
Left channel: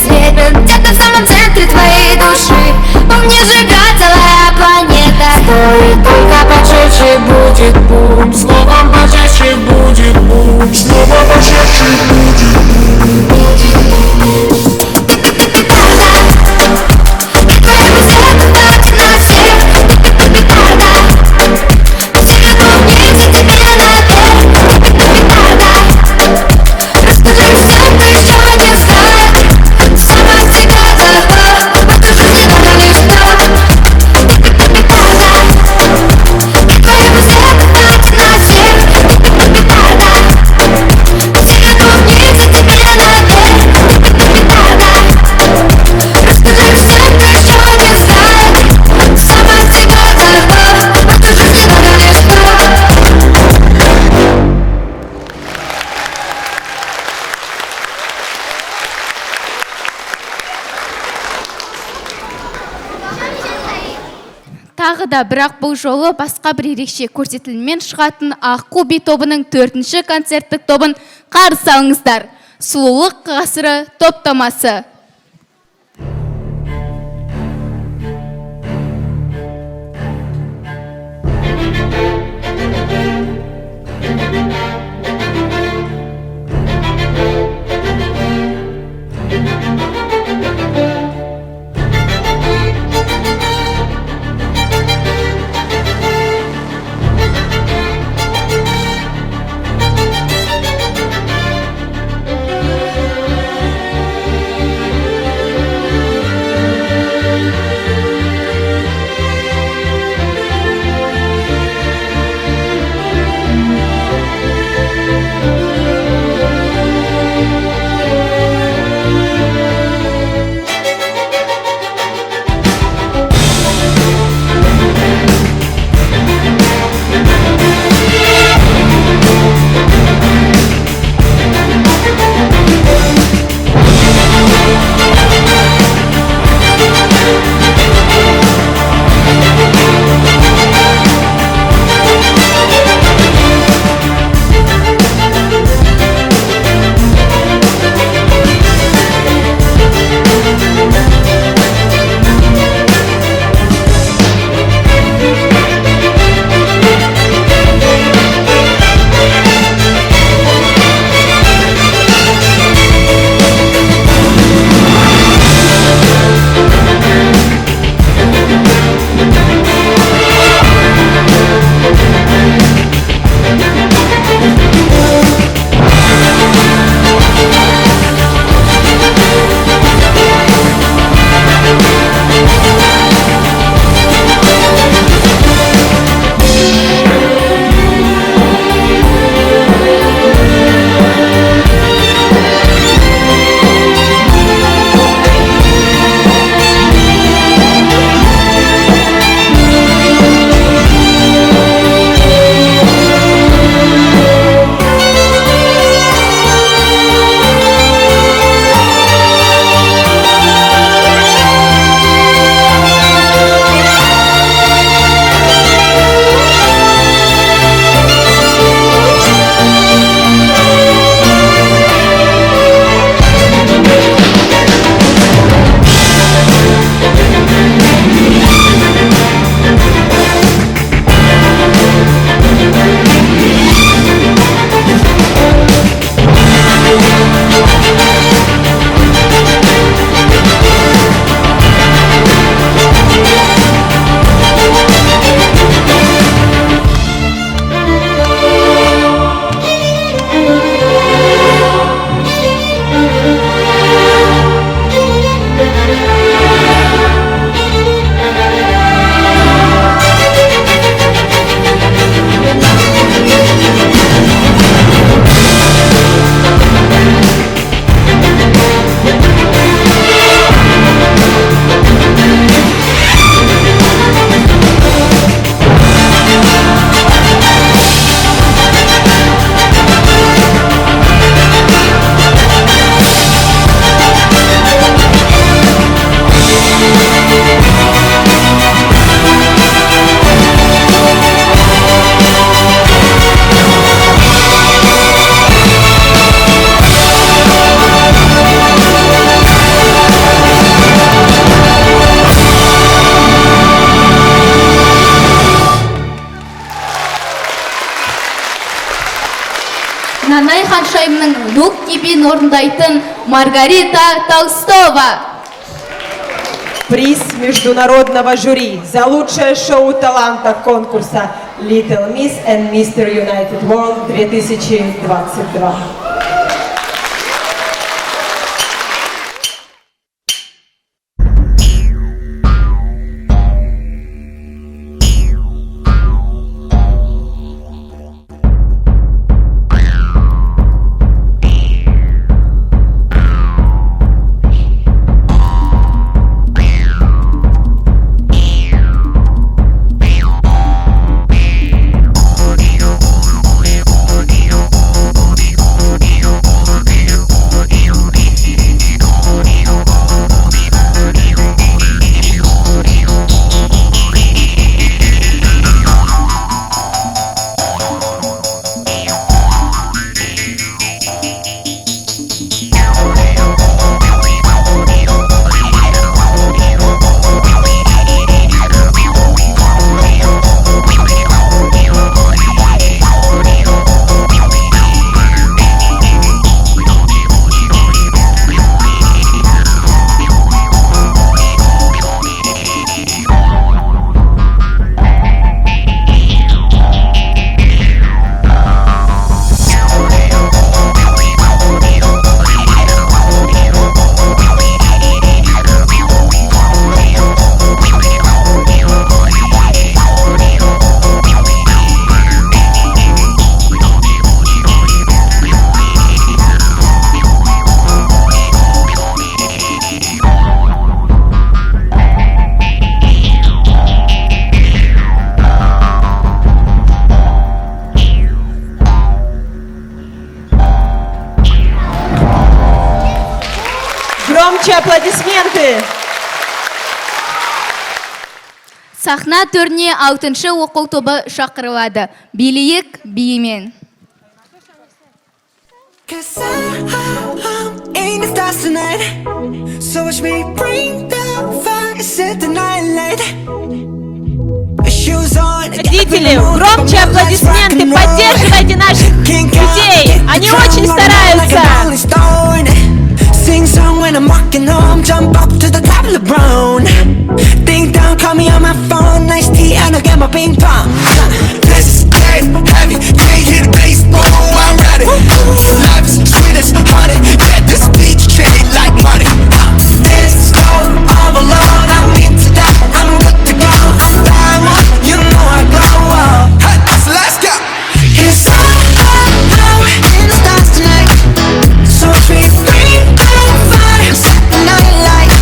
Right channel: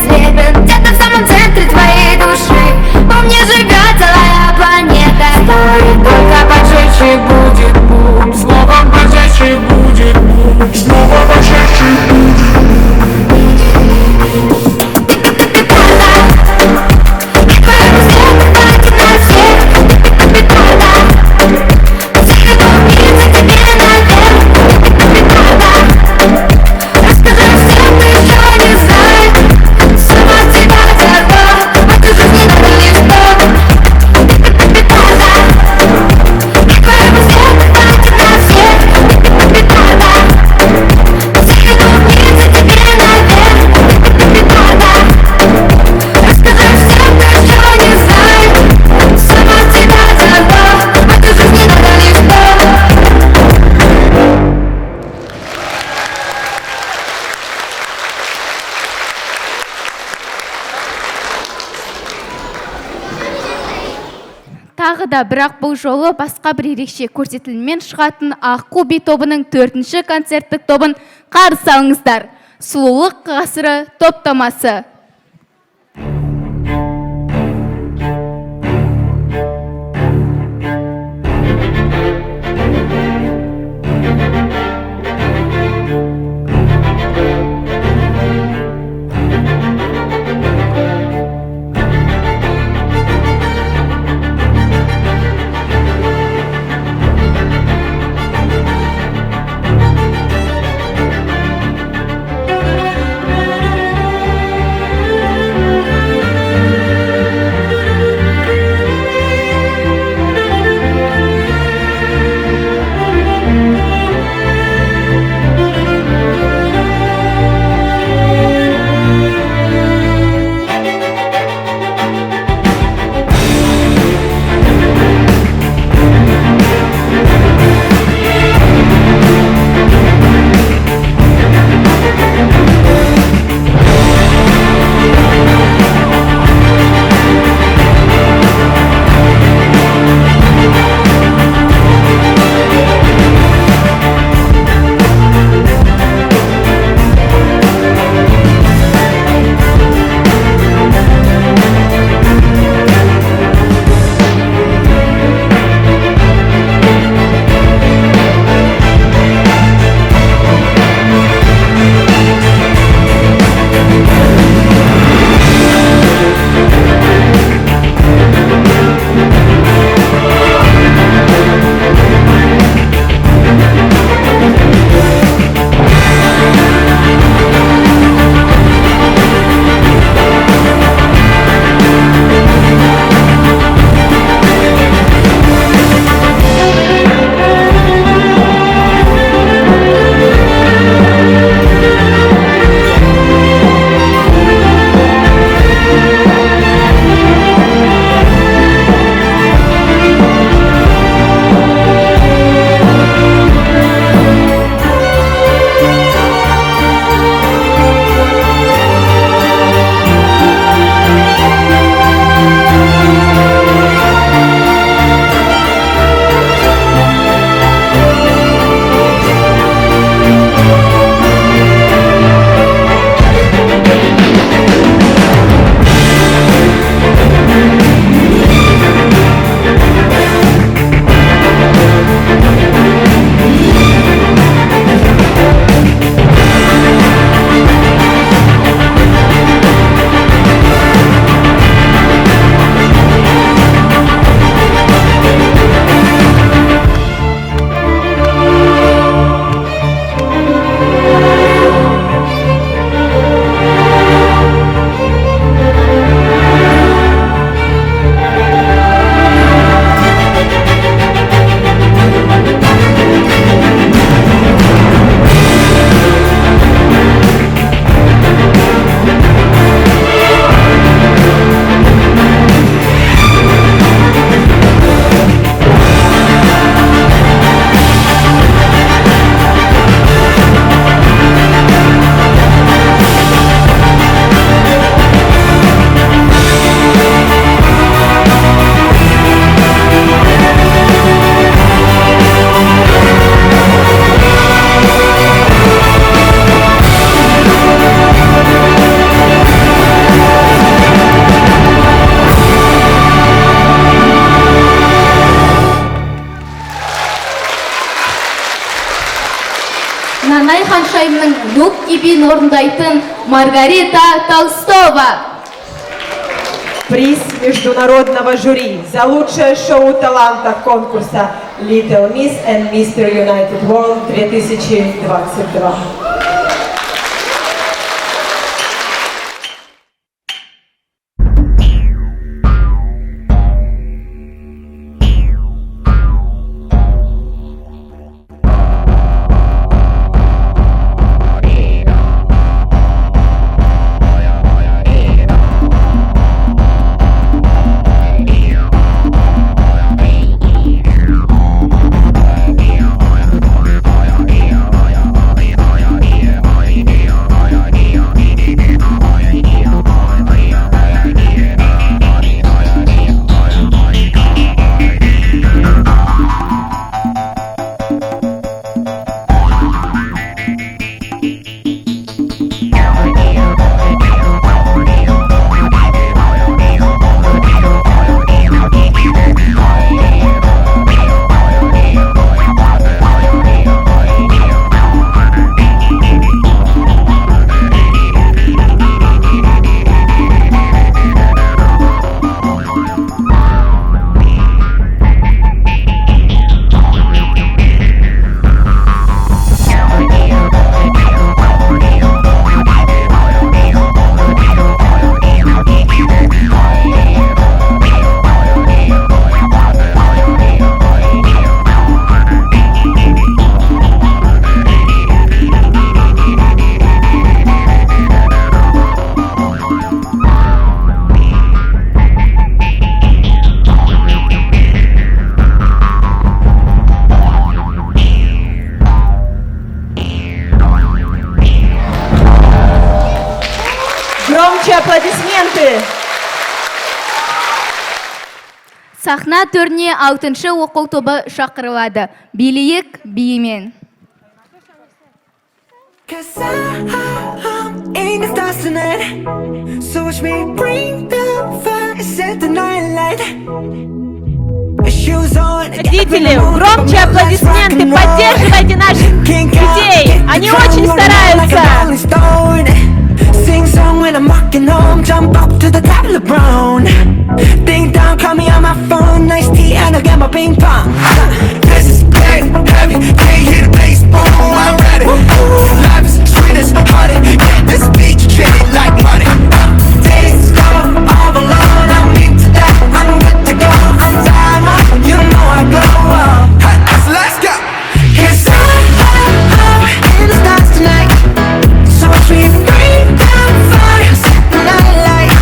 где-то в самом центре твоей души. Помни, сжигать целая планета. Стоит только поджечь, и будет бум. Снова поджечь, и будет бум. Снова поджечь, и будет бум. тағы да, бірақ бұл жолы басқа бір ерекше көрсетіліммен шығатын Аққу би тобының 4-ші концерттік тобын қарсы алыңыздар. Сұлулық ғасыры топтамасы. Нанай ханшайымның Люк Кибин орындайтын Маргарита Толстова. Приз международного жюри за лучшее шоу таланта конкурса Little Miss and Mr. United World 2022. Громче аплодисменты! Сахна төріне 6-шы оқу тобы шақырылады. Билейік биімен. Cause I'm in the stars tonight. So watch me bring the fire, set the night light. Shoes on. Родители, громче аплодисменты, поддерживайте наших детей. Они очень стараются. Sing song when I'm walking home, jump up to the top of the brown. Ding dong, call me on my phone, nice tea and I got my ping pong. This is dead heavy, can you hear the bass? Boom, I'm ready. Life is sweet as honey, get this beach treated like money. This go all alone, I don't need to die, I'm good to go. I'm diamond, you know I glow. So let's go. Yes, I'm in the stars tonight. So sweet, bring down fire, set the night light.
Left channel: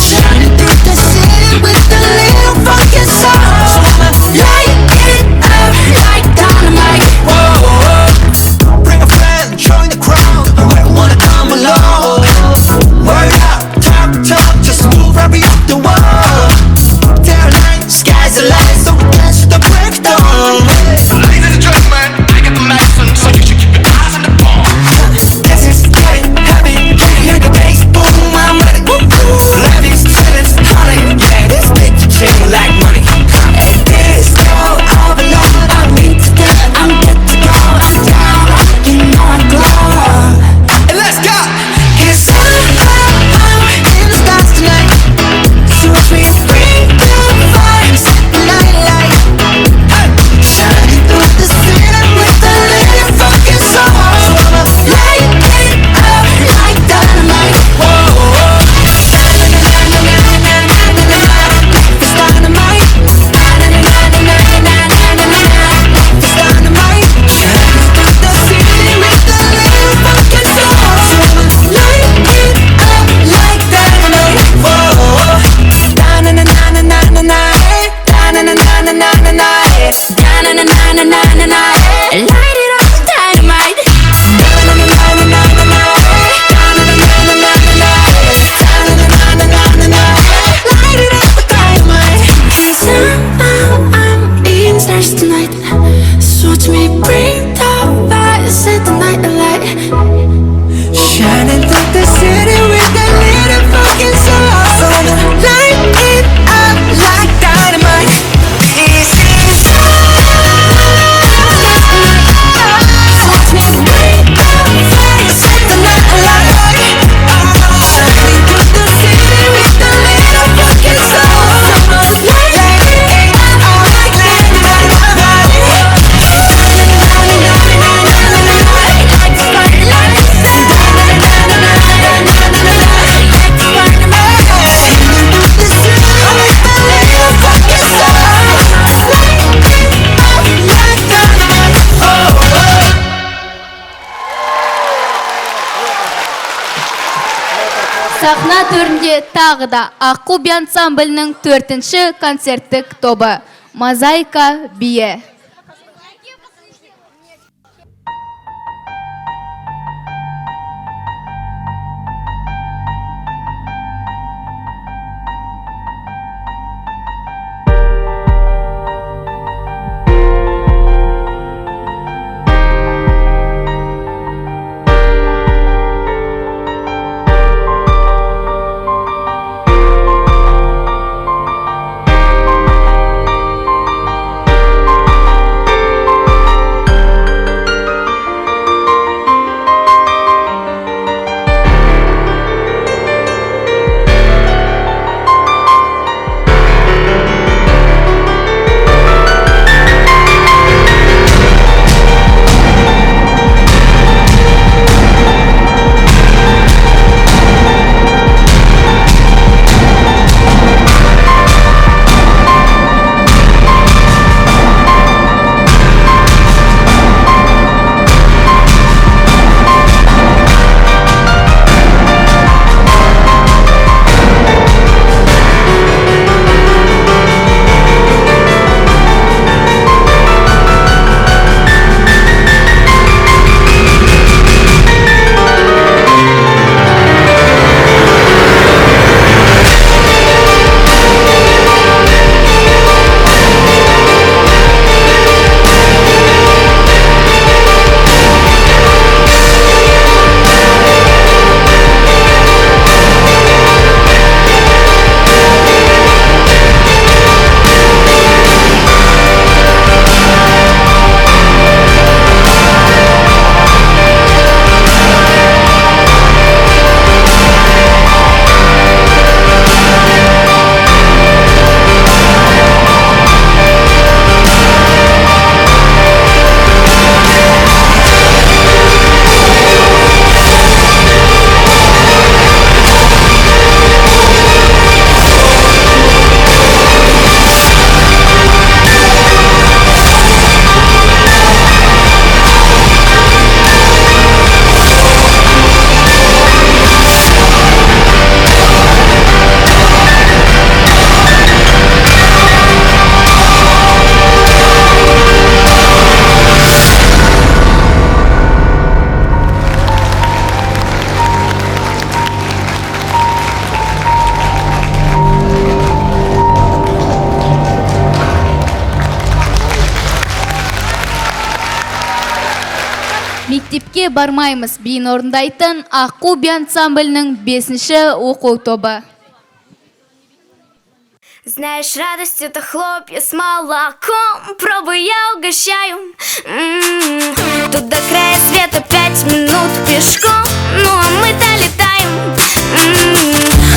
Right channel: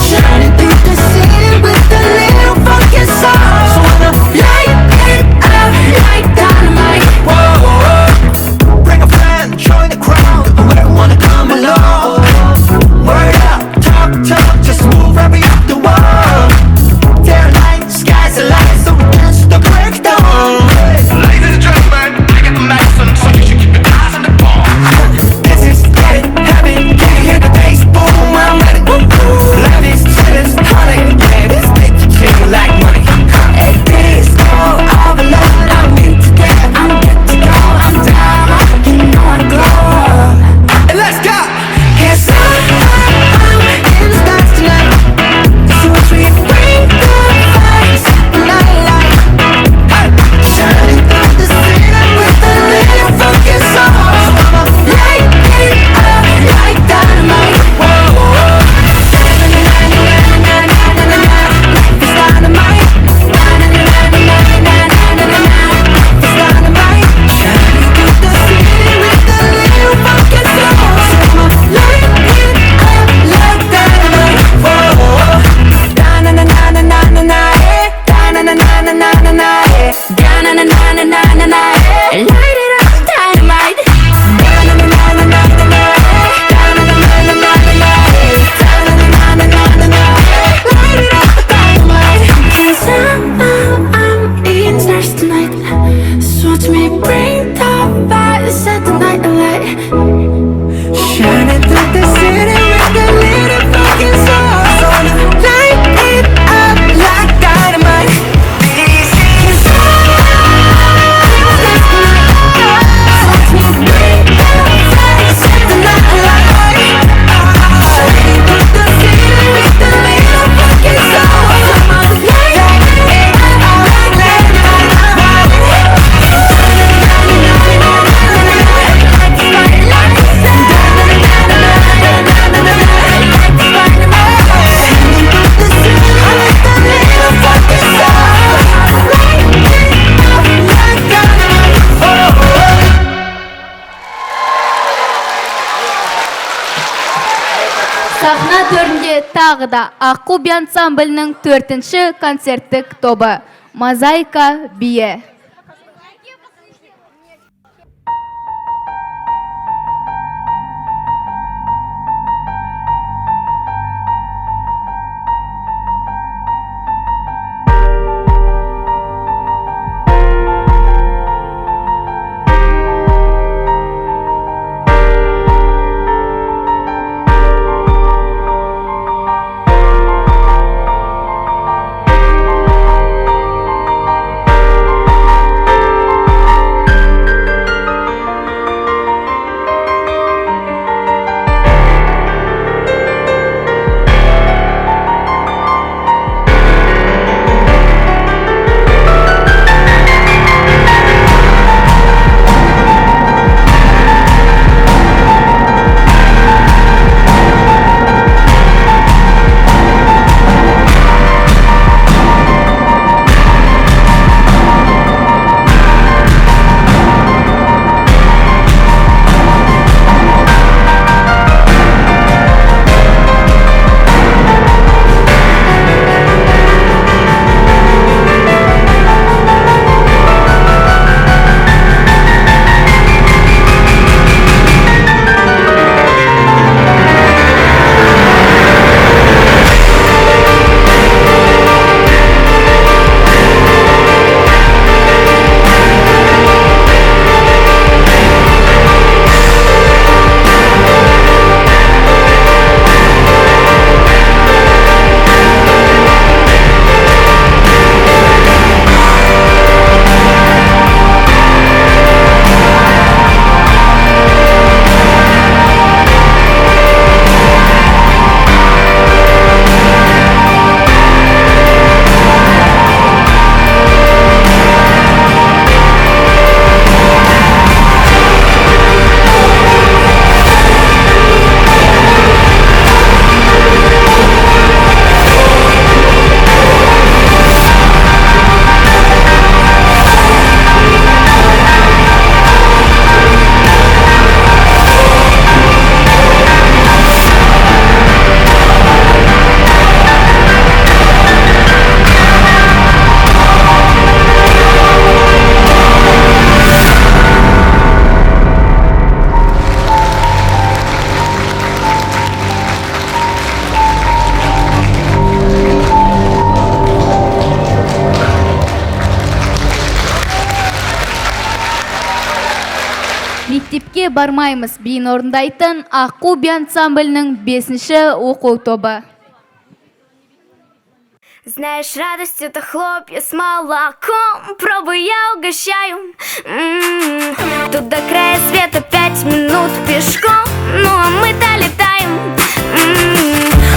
Shining through the city with a little fucking sound. So I'ma light it up like dynamite. Whoa. Bring a friend, join the crowd. Whoever wanna come along. Word up, talk, just move right up the wall. They're light, skies are light, so we dance to the break of dawn. Life is a drug, man, I get the lesson, so you should keep your eyes on the ball. This is getting heavy, can you hear the bass? Boom, I'm ready. Life is sweet as honey, yeah, this beat you treat like money. This go all alone, I need to get, I'm good to go. I'm down, you know I glow. And let's go. Yes, I'm in the stars tonight. So sweet, bring the fire, set the night light. Shining through the city with a little fucking soul. So I'ma light it up like dynamite. It's dynamite. It's dynamite. Shining through the city with a little fucking soul. So I'ma light it up like dynamite. Light it up, dynamite. Light it up, dynamite. 'Cause I'm in stars tonight. So watch me bring the fire, set the night light. Shining through the city with a little fucking soul. So I'ma light it up like dynamite. This is so watch me bring the fire, set the night light. Shining through the city with a little fucking soul. So I'ma light it up like dynamite. Сахна төрінде тағы да Аққу би ансамблінің 4-ші концерттік тобы Мозаика биі. бармаймыз биін орындайтын Аққу би ансамблінің 5-ші оқу тобы. Знаешь, радость это хлопья с молоком. Пробуй, я угощаю. Тут до края света 5 минут пешком. Ну а мы-то летаем.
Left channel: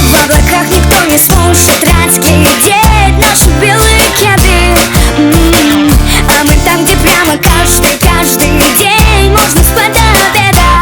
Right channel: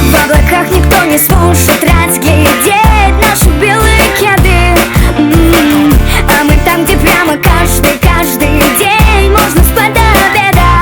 В облаках никто не сможет разглядеть наши белые кеды. А мы там, где прямо каждый день можно спать до обеда.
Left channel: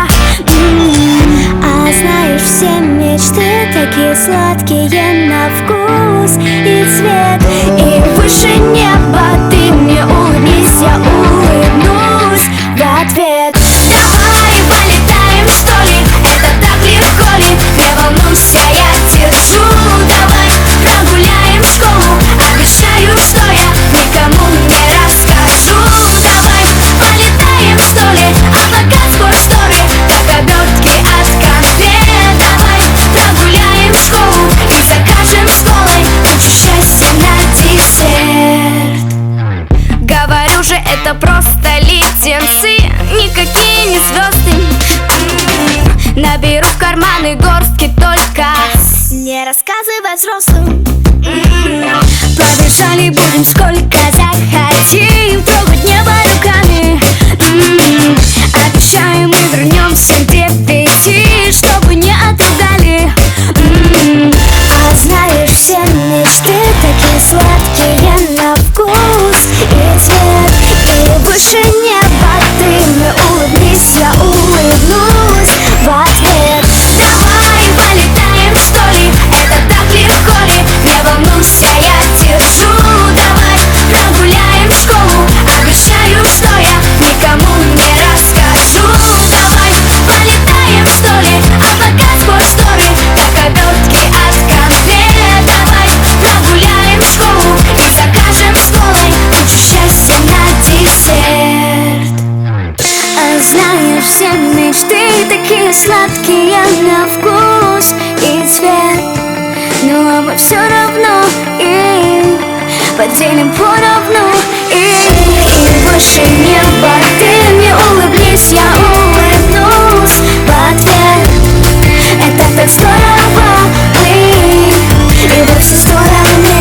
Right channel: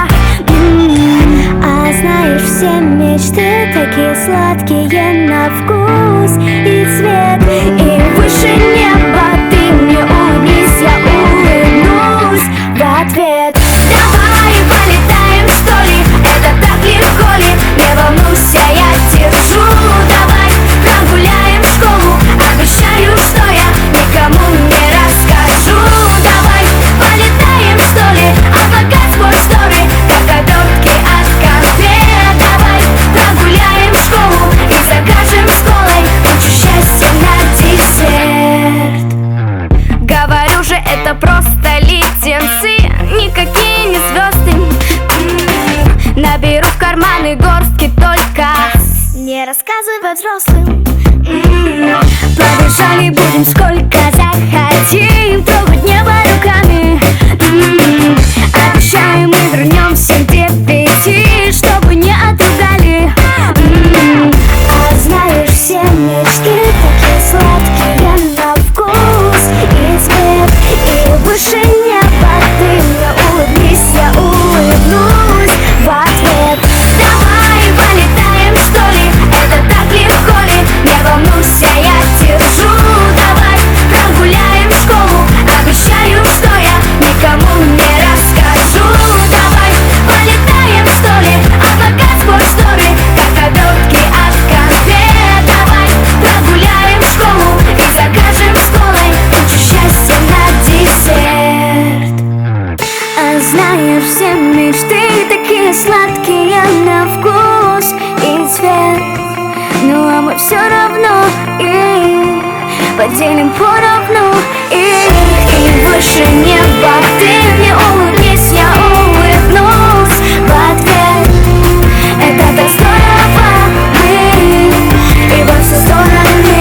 А знаешь, все мечты такие сладкие на вкус и цвет. И выше неба ты мне улыбнись, я улыбнусь в ответ. Давай полетаем, что ли? Это так легко ли? Не волнуйся, я держу. Давай прогуляем школу. Обещаю, что я никому не расскажу. Давай полетаем, что ли? Облака сквозь шторы, как обертки от конфет. Давай прогуляем школу и закажем школой кучу счастья на десерт. Говорю же, это просто леденцы, никакие не звезды. Наберу в карманы горстки только не рассказывать взрослым. Побежали будем сколько захотим, трогать небо руками. Обещаю, мы вернемся к 9, чтобы не отругали. А знаешь, все мечты такие сладкие на вкус и цвет. И выше неба ты мне улыбнись, я улыбнусь в ответ. Давай полетаем, что ли? Это так легко ли? Не волнуйся, я держу. Давай прогуляем школу. Обещаю, что я никому не расскажу. Давай полетаем, что ли? Облака сквозь шторы, как обертки от конфет. Давай прогуляем школу и закажем школой кучу счастья на десерт. А знаешь, все мечты такие сладкие на вкус и цвет. Ну а мы все равно и поделим поровну. И выше неба ты мне улыбнись, я улыбнусь в ответ. Это так здорово, и во все стороны.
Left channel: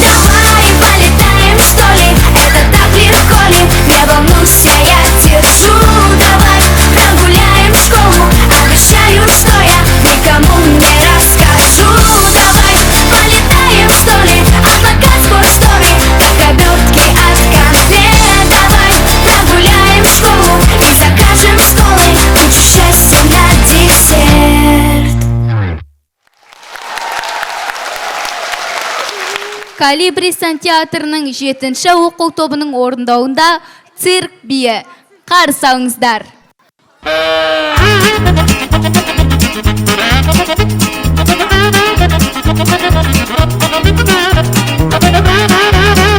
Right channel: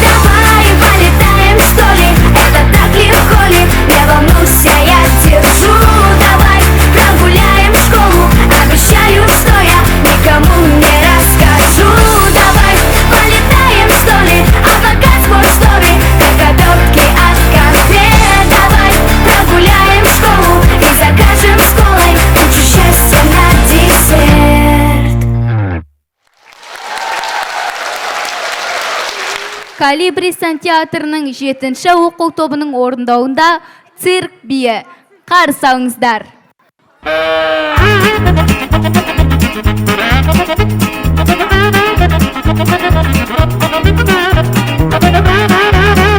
Давай полетаем, что ли? Это так легко ли? Не волнуйся, я держу. Давай прогуляем школу. Обещаю, что я никому не расскажу. Давай полетаем, что ли? Облака сквозь шторы, как обертки от конфет. Давай прогуляем школу и закажем школой кучу счастья на десерт. Калибри сантиатрының 7-ші оқу тобының орындауында цирк биі. Қарсы алыңыздар.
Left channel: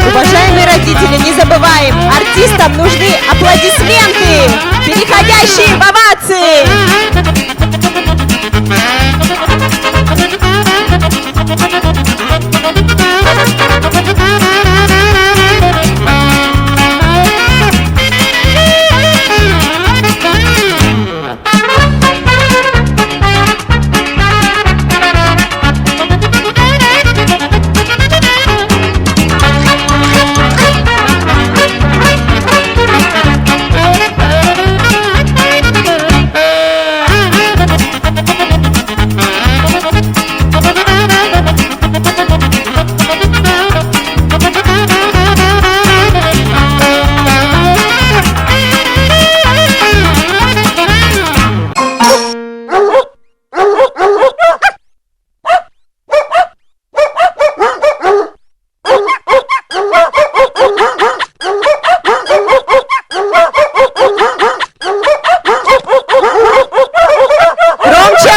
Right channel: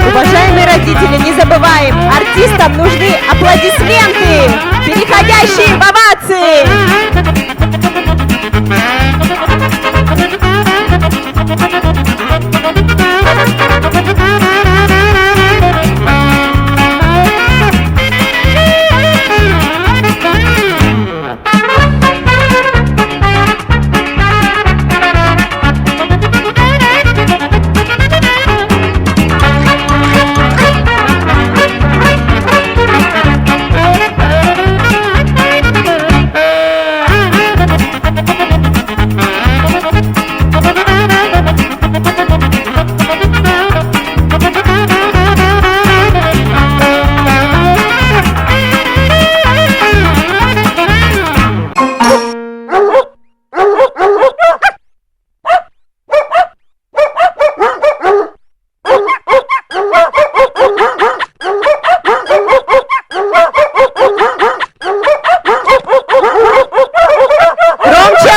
Уважаемые родители, не забываем, артистам нужны аплодисменты, переходящие в овации.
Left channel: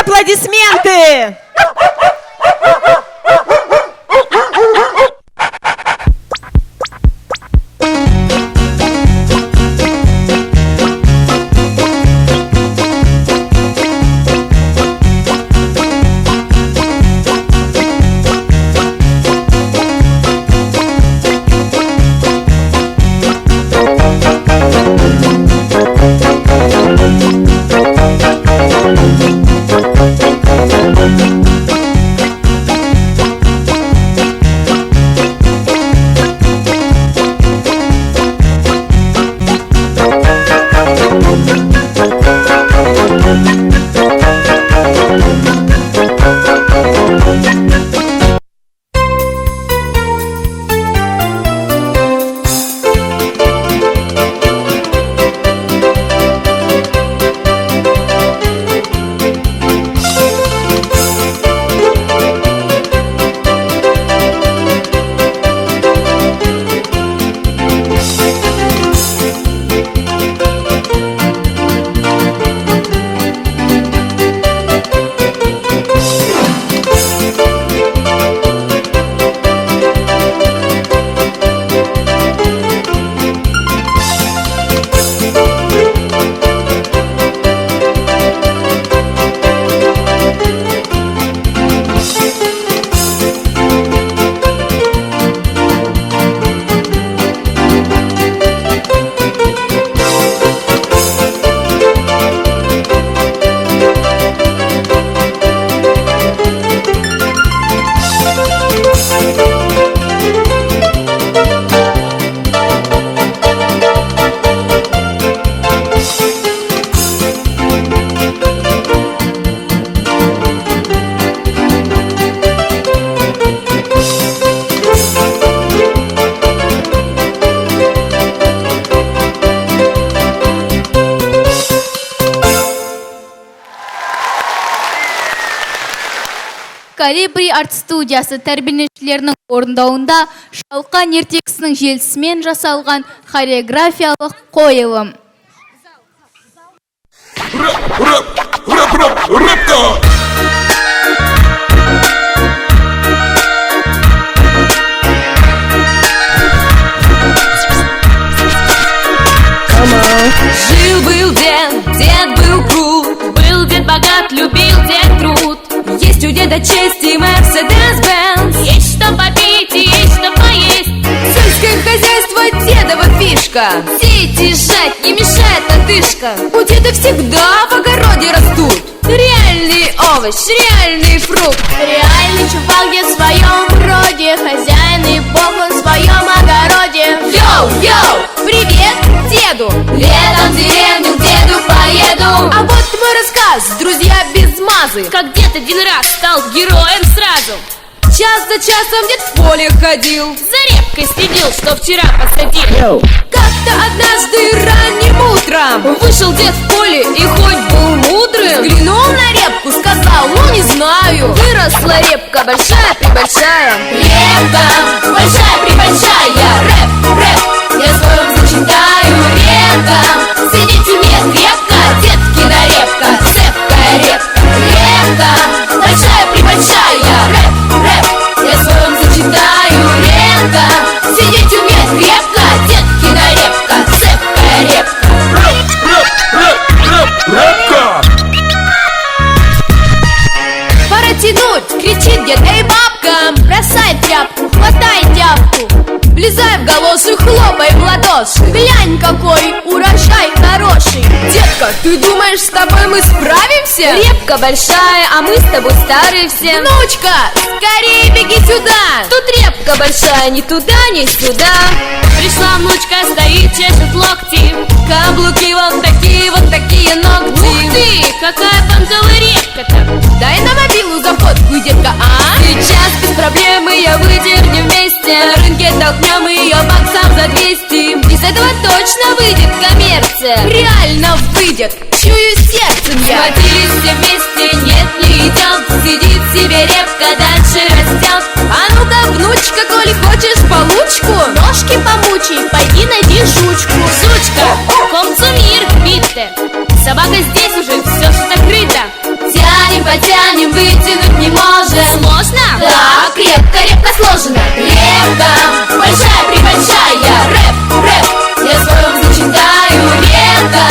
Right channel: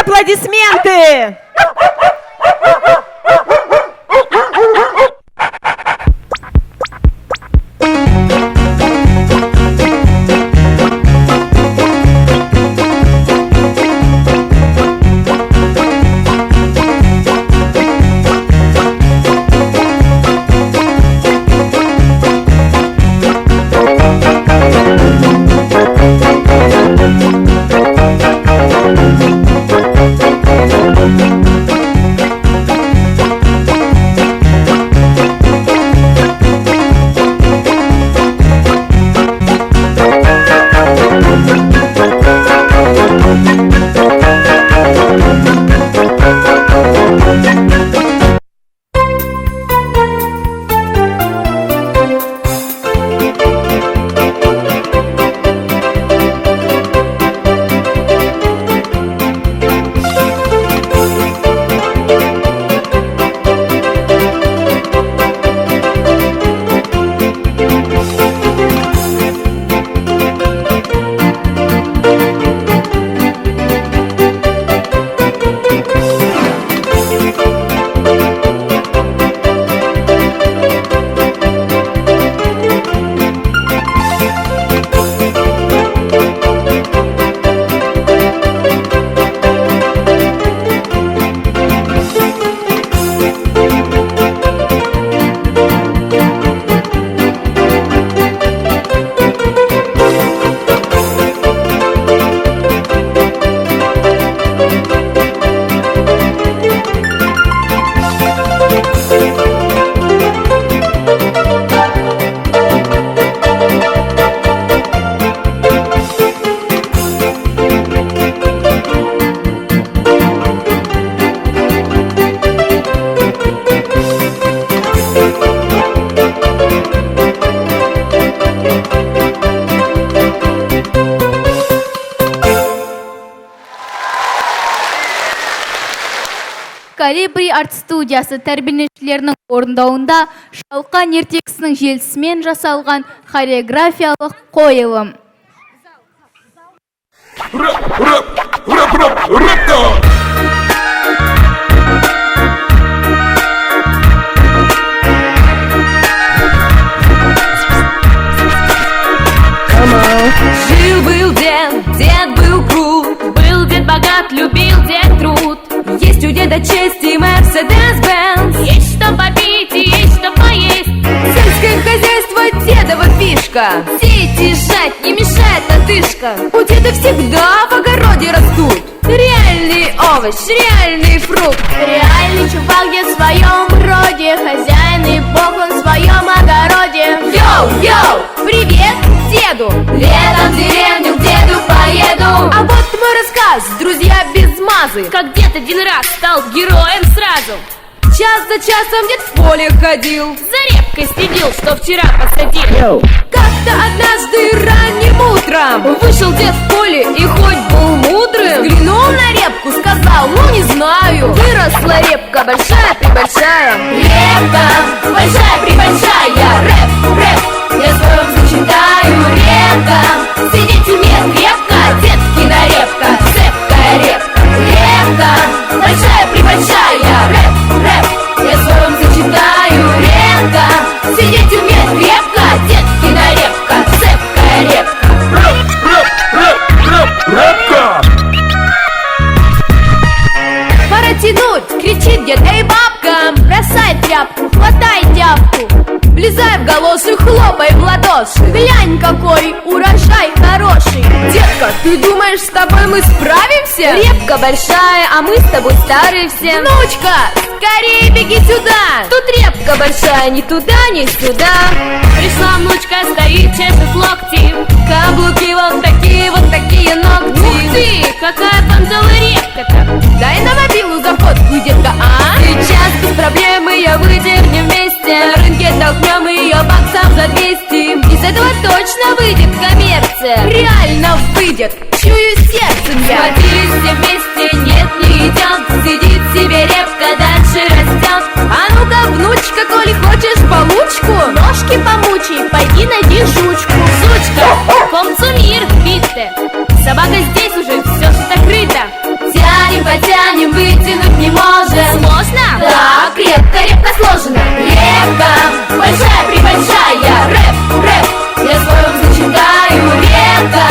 Аплодисменты! Колибри арт студиясы тәрбиеленушілерінің орындауында Шалқан ертегісінің желісімен жасалған хореографиялық қойылым. Жил-был дед был крут, был дед богат, любил дед труд. Есть у деда честь и Мерседес-Бенц, есть что попить и есть что поесть. Сельское хозяйство дедова фишка, сеять и жать не мешает отдышка. У деда всегда в огороде растут реальный овощ, реальный фрукт. Реальный чувак дед в своем роде, хозяин и бог в своем огороде. Йоу-йоу, привет деду, летом в деревню к деду поеду. А вот мой рассказ, друзья без мазы, как дед один раз стал героем сразу. Час за часом дед в поле ходил, за репкой следил, что вчера посадил. Как-то однажды ранним утром вышел дед в поле и хоть был мудрым, взглянул на репку, сказал, ну не знаю. Выросла репка большая-пребольшая, репка большая-пребольшая. Рэп, рэп, я своем зачитаю. Репка сидеть умеет крепко, деткина репка, цепкая репка. Репка большая-пребольшая. Рэп, рэп, я своем зачитаю. Репка сидеть умеет крепко, деткина репка, цепкая репка. Пора тянуть, кричит дед, эй, бабка, бросай тряпку, хватай тяпку, влезай в галоши, хлопай в ладоши. Глянь, какой урожай хороший. Детка, ты думаешь, с тобой мы справимся? Репка большая, а мы с тобой старые все. Внучка, скорее беги сюда. Тут репка большая, ни туда, ни сюда. Пришла внучка, стоит, чешет локти, каблуки вот такие ногти. Ух ты, какая понтовая репка-то. Дай на мобилу за фотку, детка, а? Сейчас без проблем ее выдернем вместе, на рынке толкнем ее баксов за 200. Из этого точно выйдет коммерция, реально выйдет, чую сердцем я. Схватились все вместе, нет, не идет, сидит себе репка, дальше растет. А ну-ка, внучка, коли хочешь получку, ножки помучай, пойди найди жучку. Жучка, комцумир, битте, собака здесь уже все закрыто. Тянем, потянем, вытянуть не можем. Сложно? Да, крепко сложено. Репка большая-пребольшая. Рэп, рэп, я своем зачитаю. Репка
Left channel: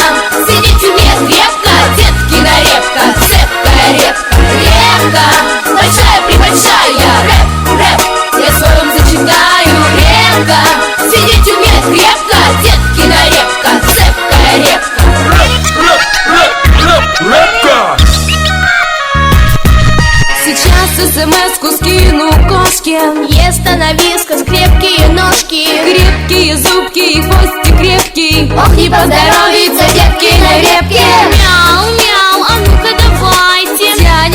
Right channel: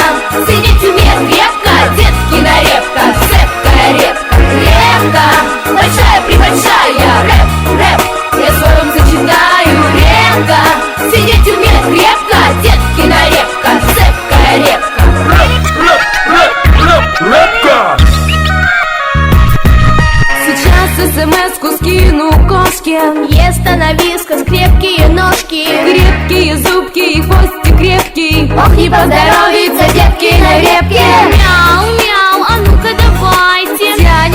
сидеть умеет крепко, деткина репка, цепкая репка. Репка большая-пребольшая. Рэп, рэп, я своем зачитаю. Репка сидеть умеет крепко, деткина репка, цепкая репка. Сейчас смс-ку скину кошке, ест она вискас, крепкие ножки, крепкие зубки и хвостик крепкий. Ох, не поздоровится деткиной репке. Мяу-мяу, а ну-ка давайте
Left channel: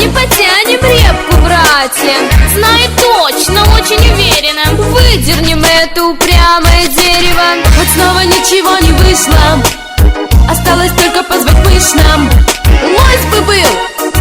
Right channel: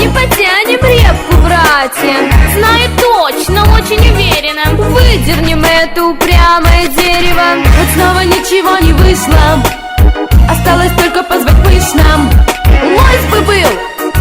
потянем репку, братья. Знает точно, очень уверенно, выдернем это упрямое дерево. Вот снова ничего не вышло, осталось только позвать пышно. Лось бы был,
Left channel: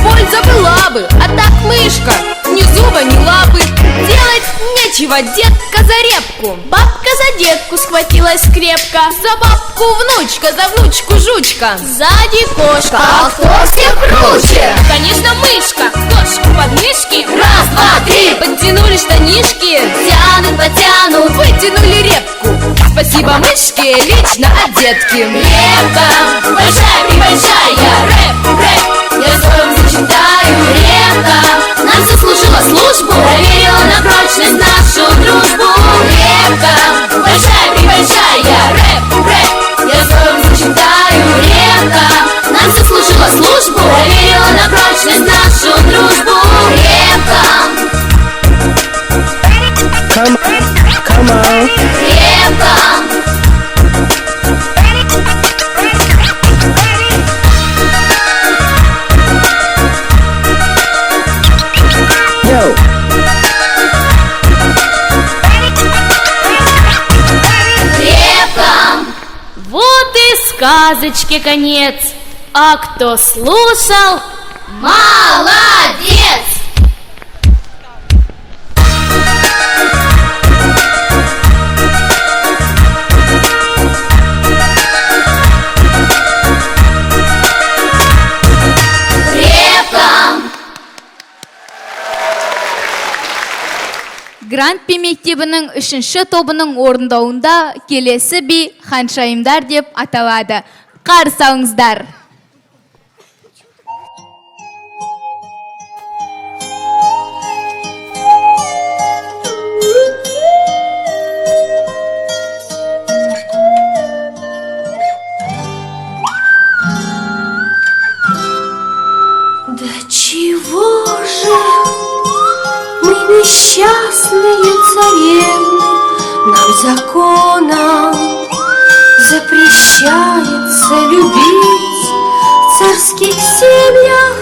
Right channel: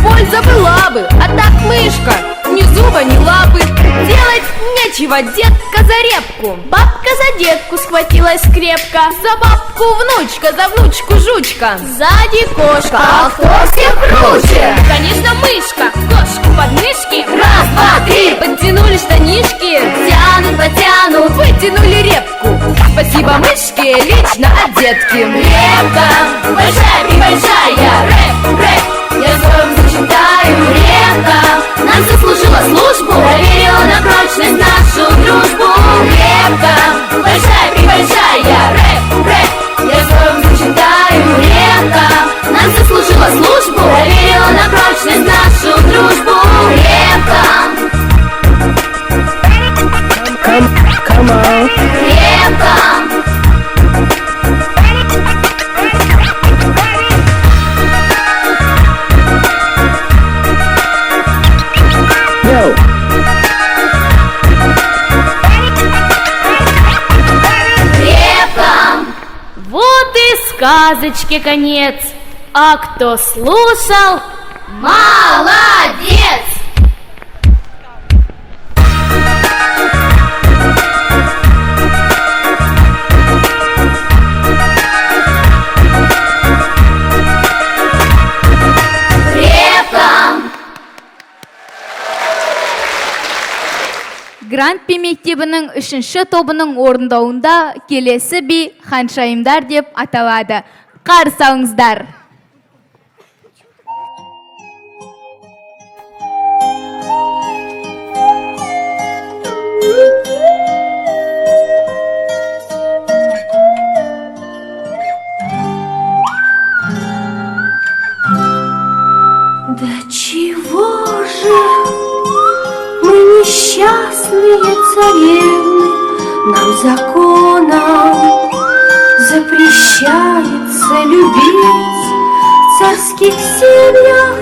польза была бы, а так мышка, ни зуба, ни лапы. Делать нечего, детка за репку, бабка за детку схватилась крепко. За бабку внучка, за внучку жучка, сзади кошка, а кто всех круче? Конечно, мышка, кошку под мышки. Раз, два, три, подтянули штанишки, тянут, потянут, вытянули репку. Спасибо мышке, лично от детки. Репка большая-пребольшая. Рэп, рэп, я своем зачитаю. Репка нам заслужила службу, проверила на прочность нашу дружбу. Репка большая-пребольшая. Рэп, рэп, я своем зачитаю. Репка нам заслужила службу, проверила на прочность нашу дружбу. Репка. Come on. Репка. Сказочке конец, а кто слушал, молодец! мектебінің 3-ші тобының орындауында келесі би ханшайымдар деп аталады. Қарсы алыңыздар. Да чего же мы несчастные царевны, нам законом запрещается любить в царских семьях.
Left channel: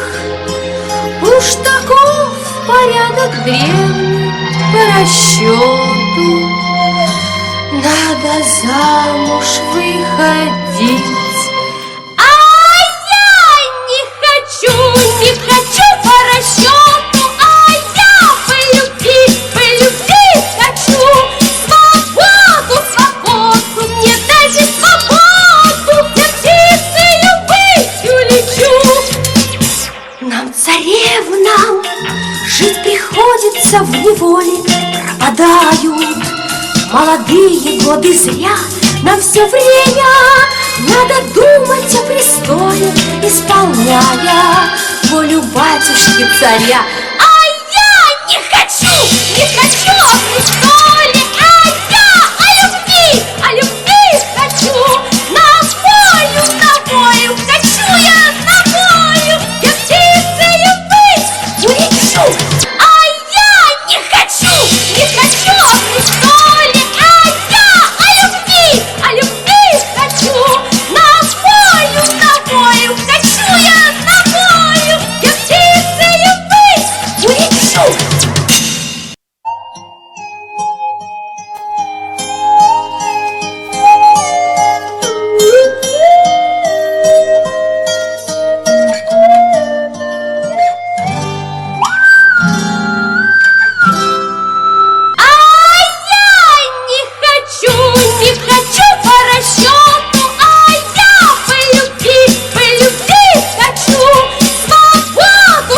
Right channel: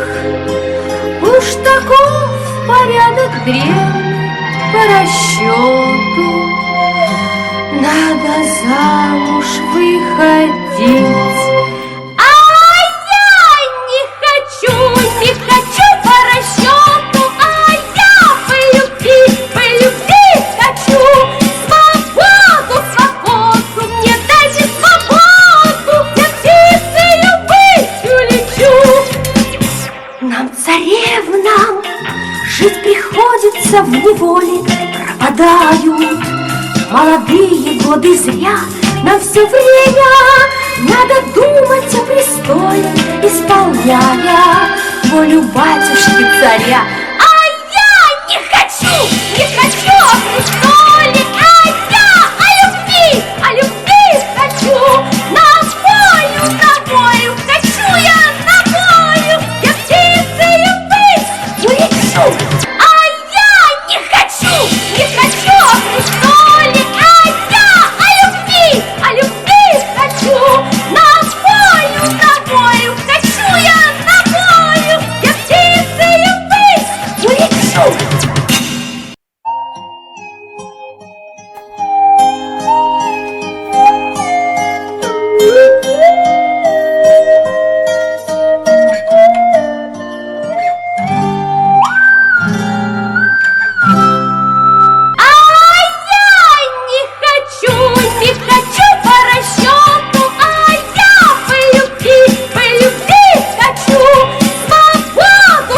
Уж таков порядок древний по расчету. Надо замуж выходить. Не хочу по расчету, а я полюбить хочу. Свободу, мне дайте свободу, я птицею быть улечу. Нам, царевнам, жить приходится в неволе, пропадают молодые годы зря. Нам все время надо думать о престоле, исполняя волю батюшки царя. А я не хочу о престоле, а я о любви хочу. На волю хочу я на волю, я птицею быть улечу. А я не хочу о престоле, а я о любви хочу. На волю хочу я на волю, я птицею быть улечу. Не хочу по расчету, а я полюбить хочу. Свободу,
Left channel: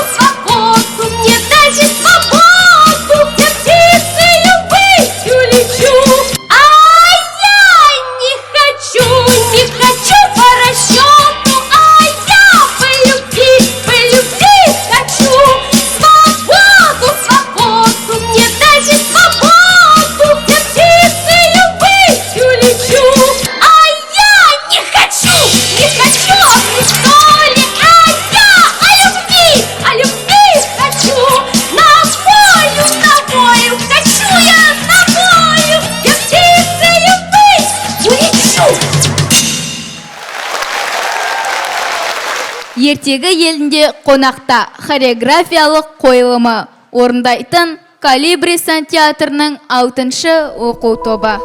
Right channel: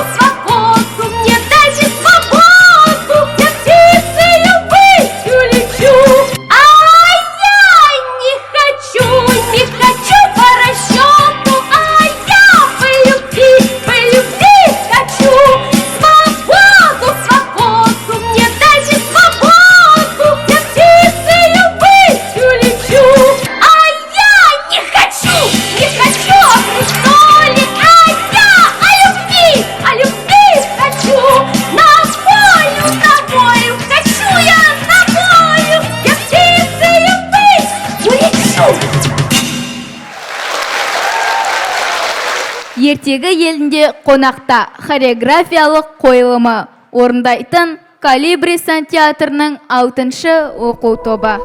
мне дайте свободу, я птицею быть улечу. А я не хочу по расчету, а я полюбить хочу. Свободу, мне дайте свободу, я птицею быть улечу. А я не хочу о престоле, а я о любви хочу. На волю хочу я на волю, я птицею быть улечу. Ертегі елінде қонақта хореографиялық қойылымы орындайтын Калибри театрының 6-шы оқу тобы.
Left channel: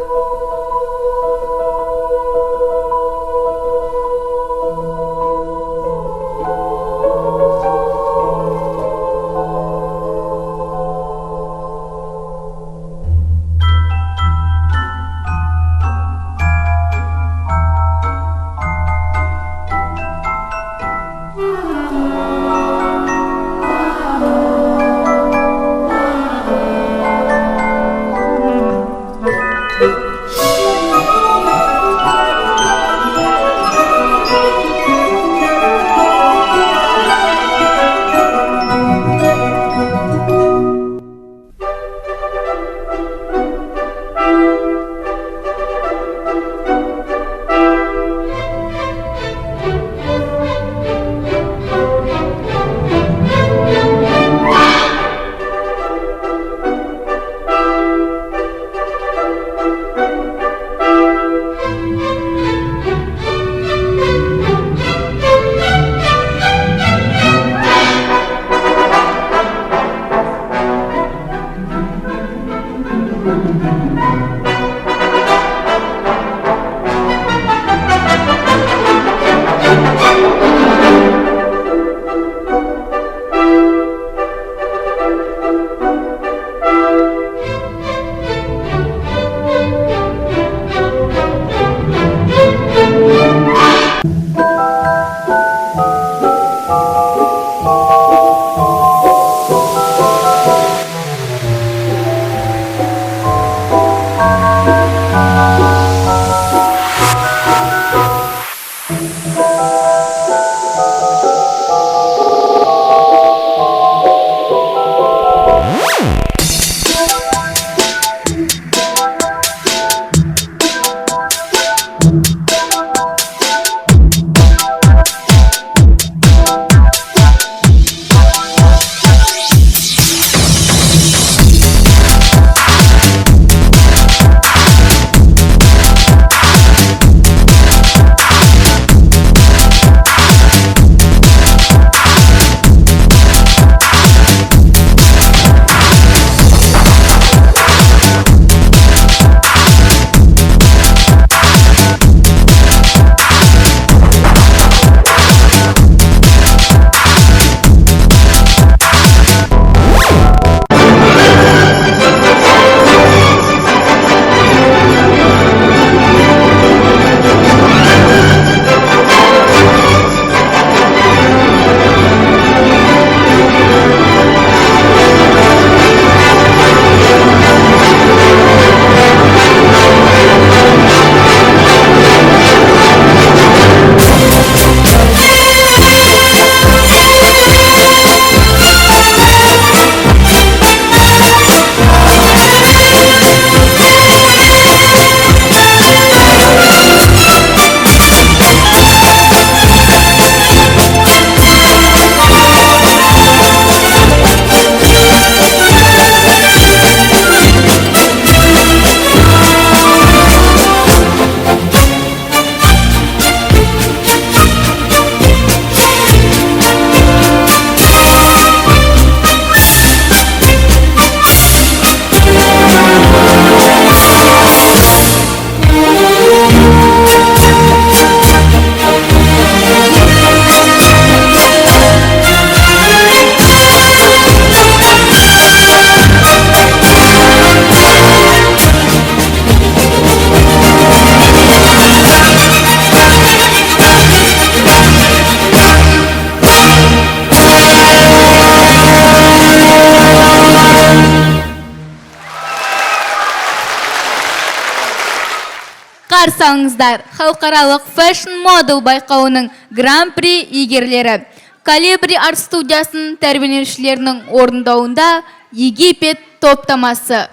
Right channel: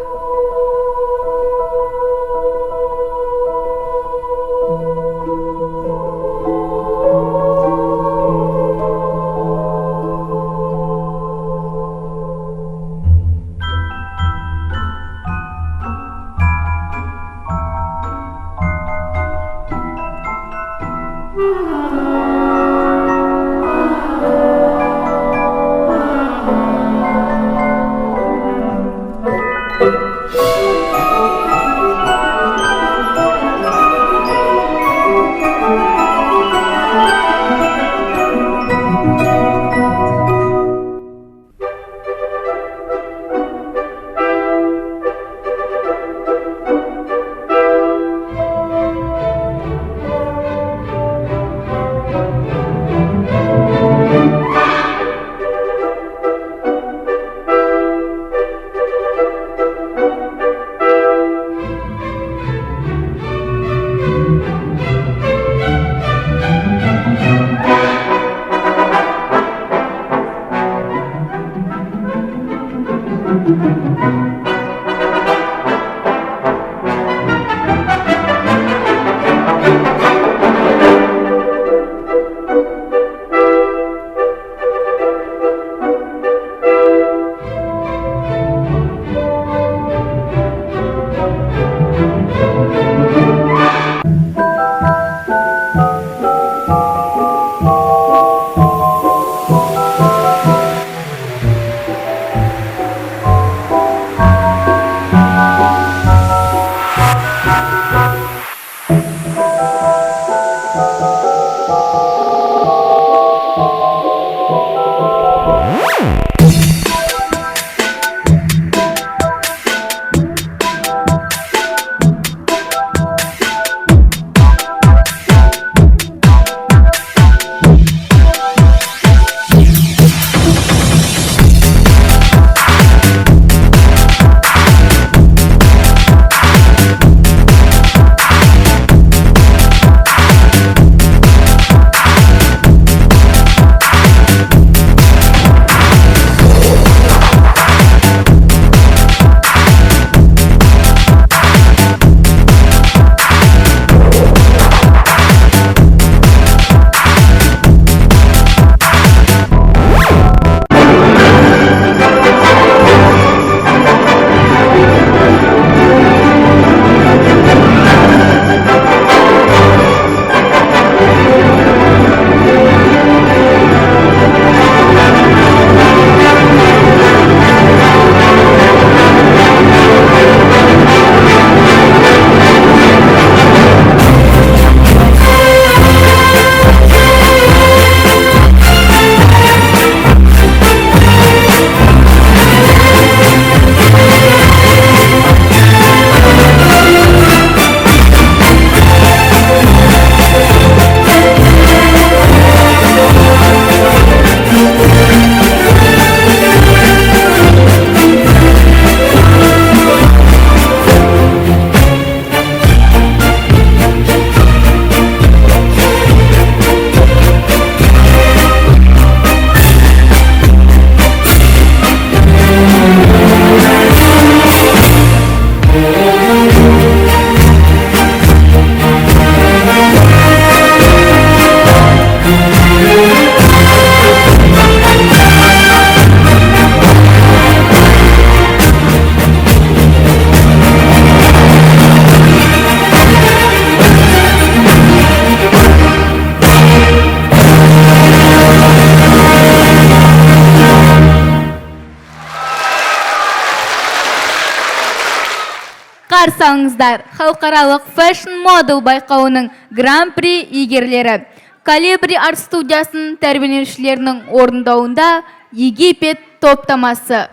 салыңыздар. Халықаралық Fashion Model байқауының Гран-при иегерлері. Калибри арт студиясының тәрбиеленушілерінің орындауында Египет топтамасы.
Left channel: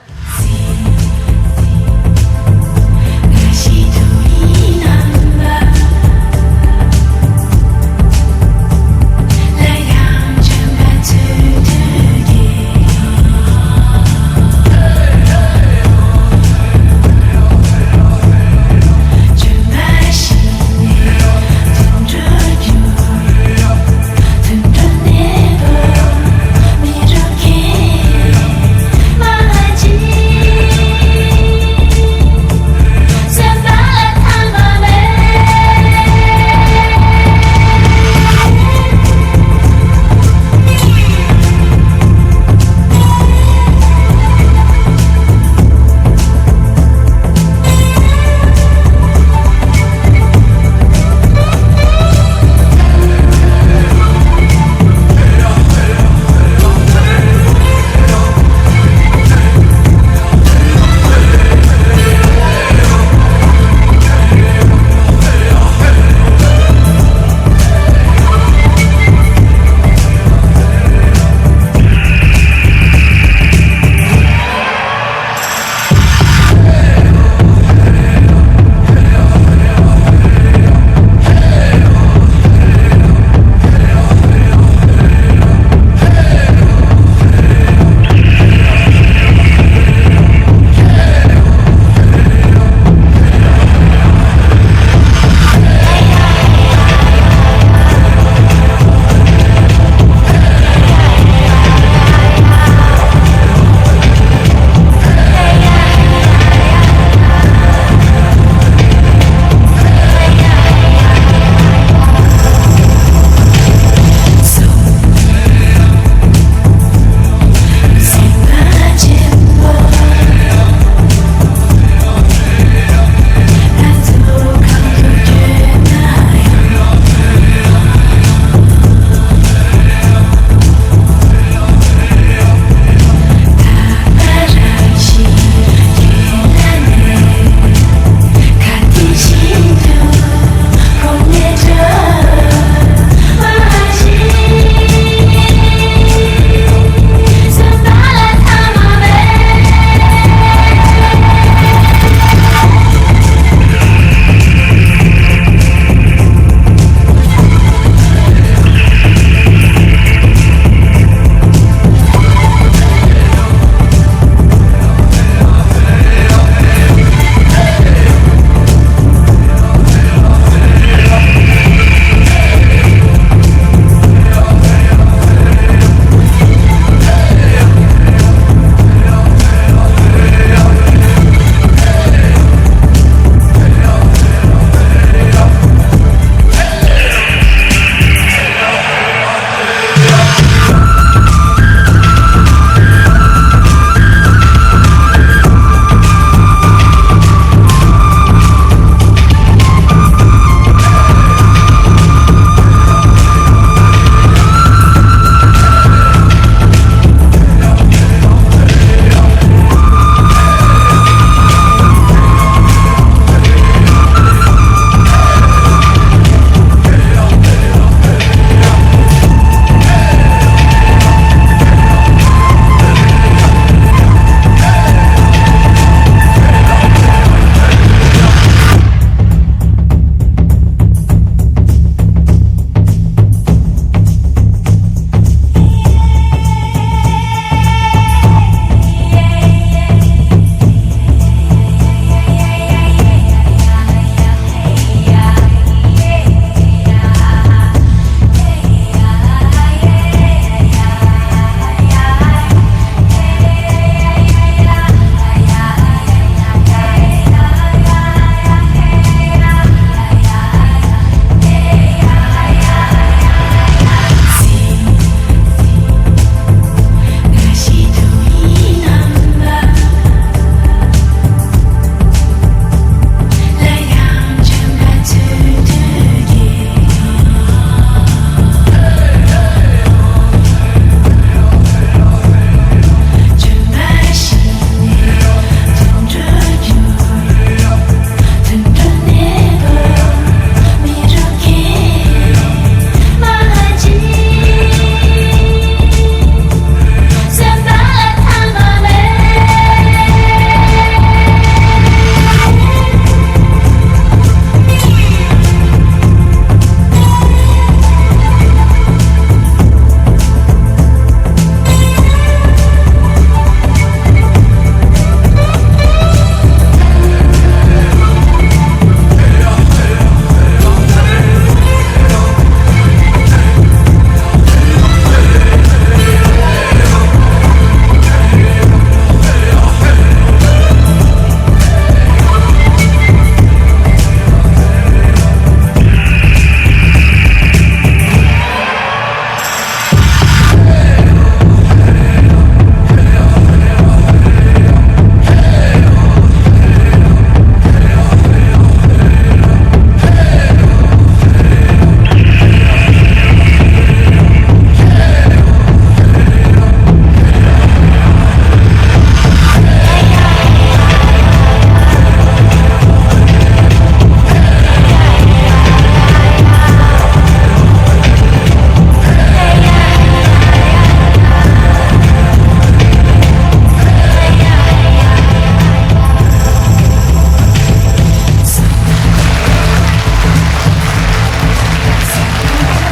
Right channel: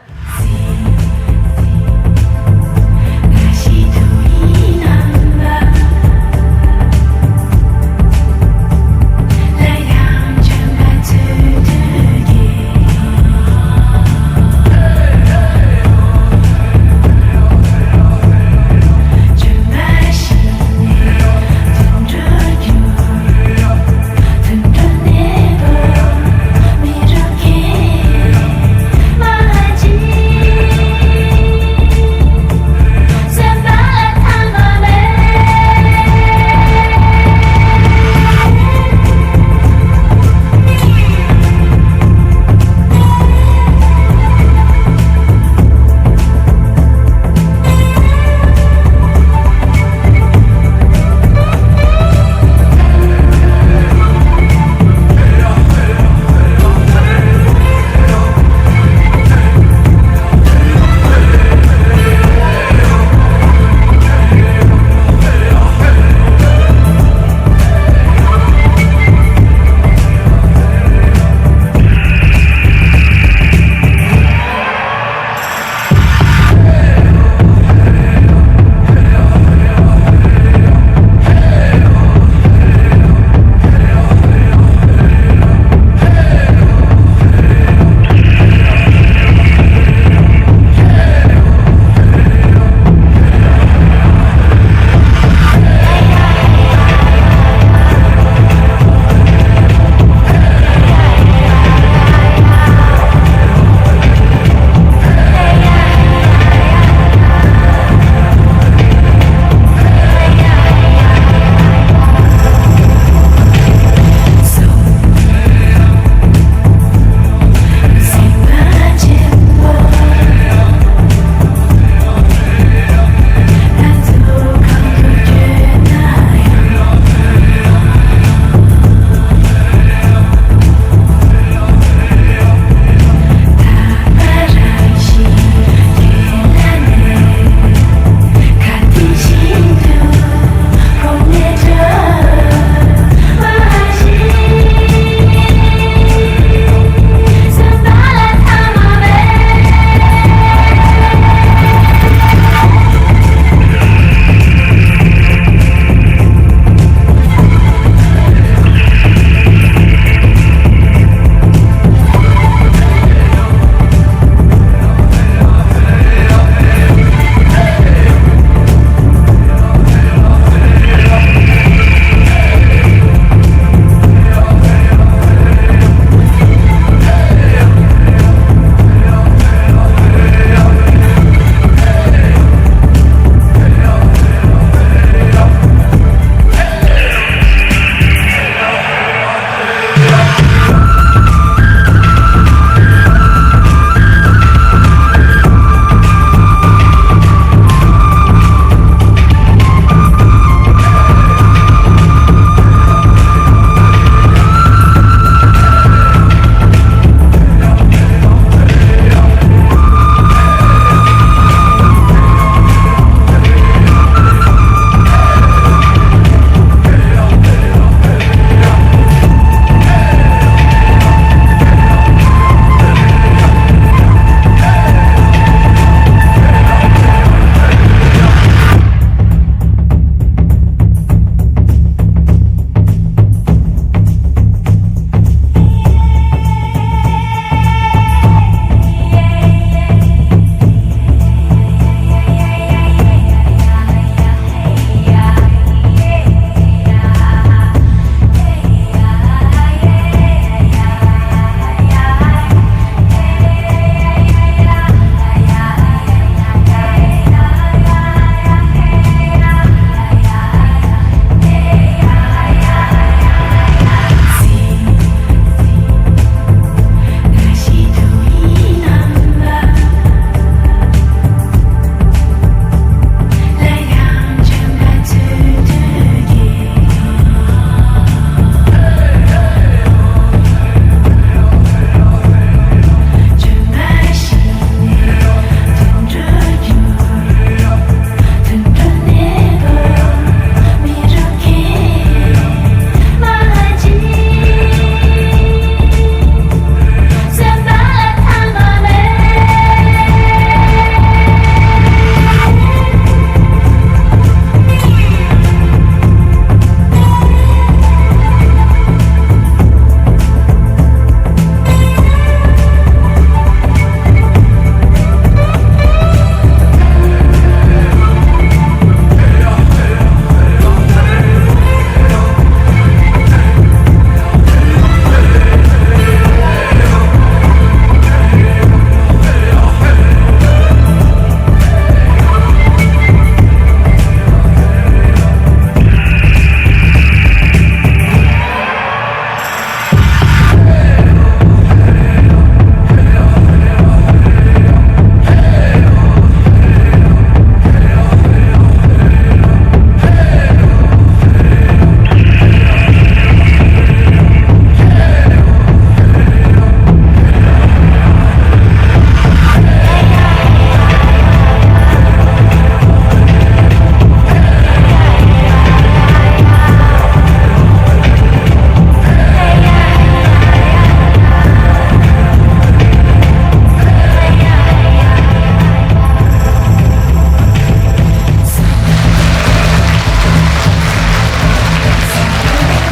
Imagine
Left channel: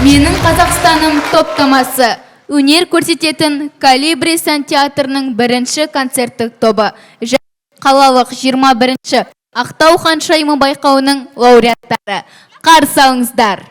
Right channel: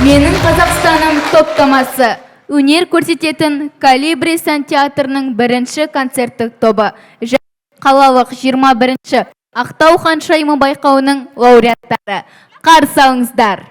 Менің Қазақстаным топтамасы. Өнер көрсететін Калибри сантеатрының бірінші концерттік тобы және қалалық 21-ші Ақтау ханшайымы байқауының лауреаттары. Қарсы алыңыздар.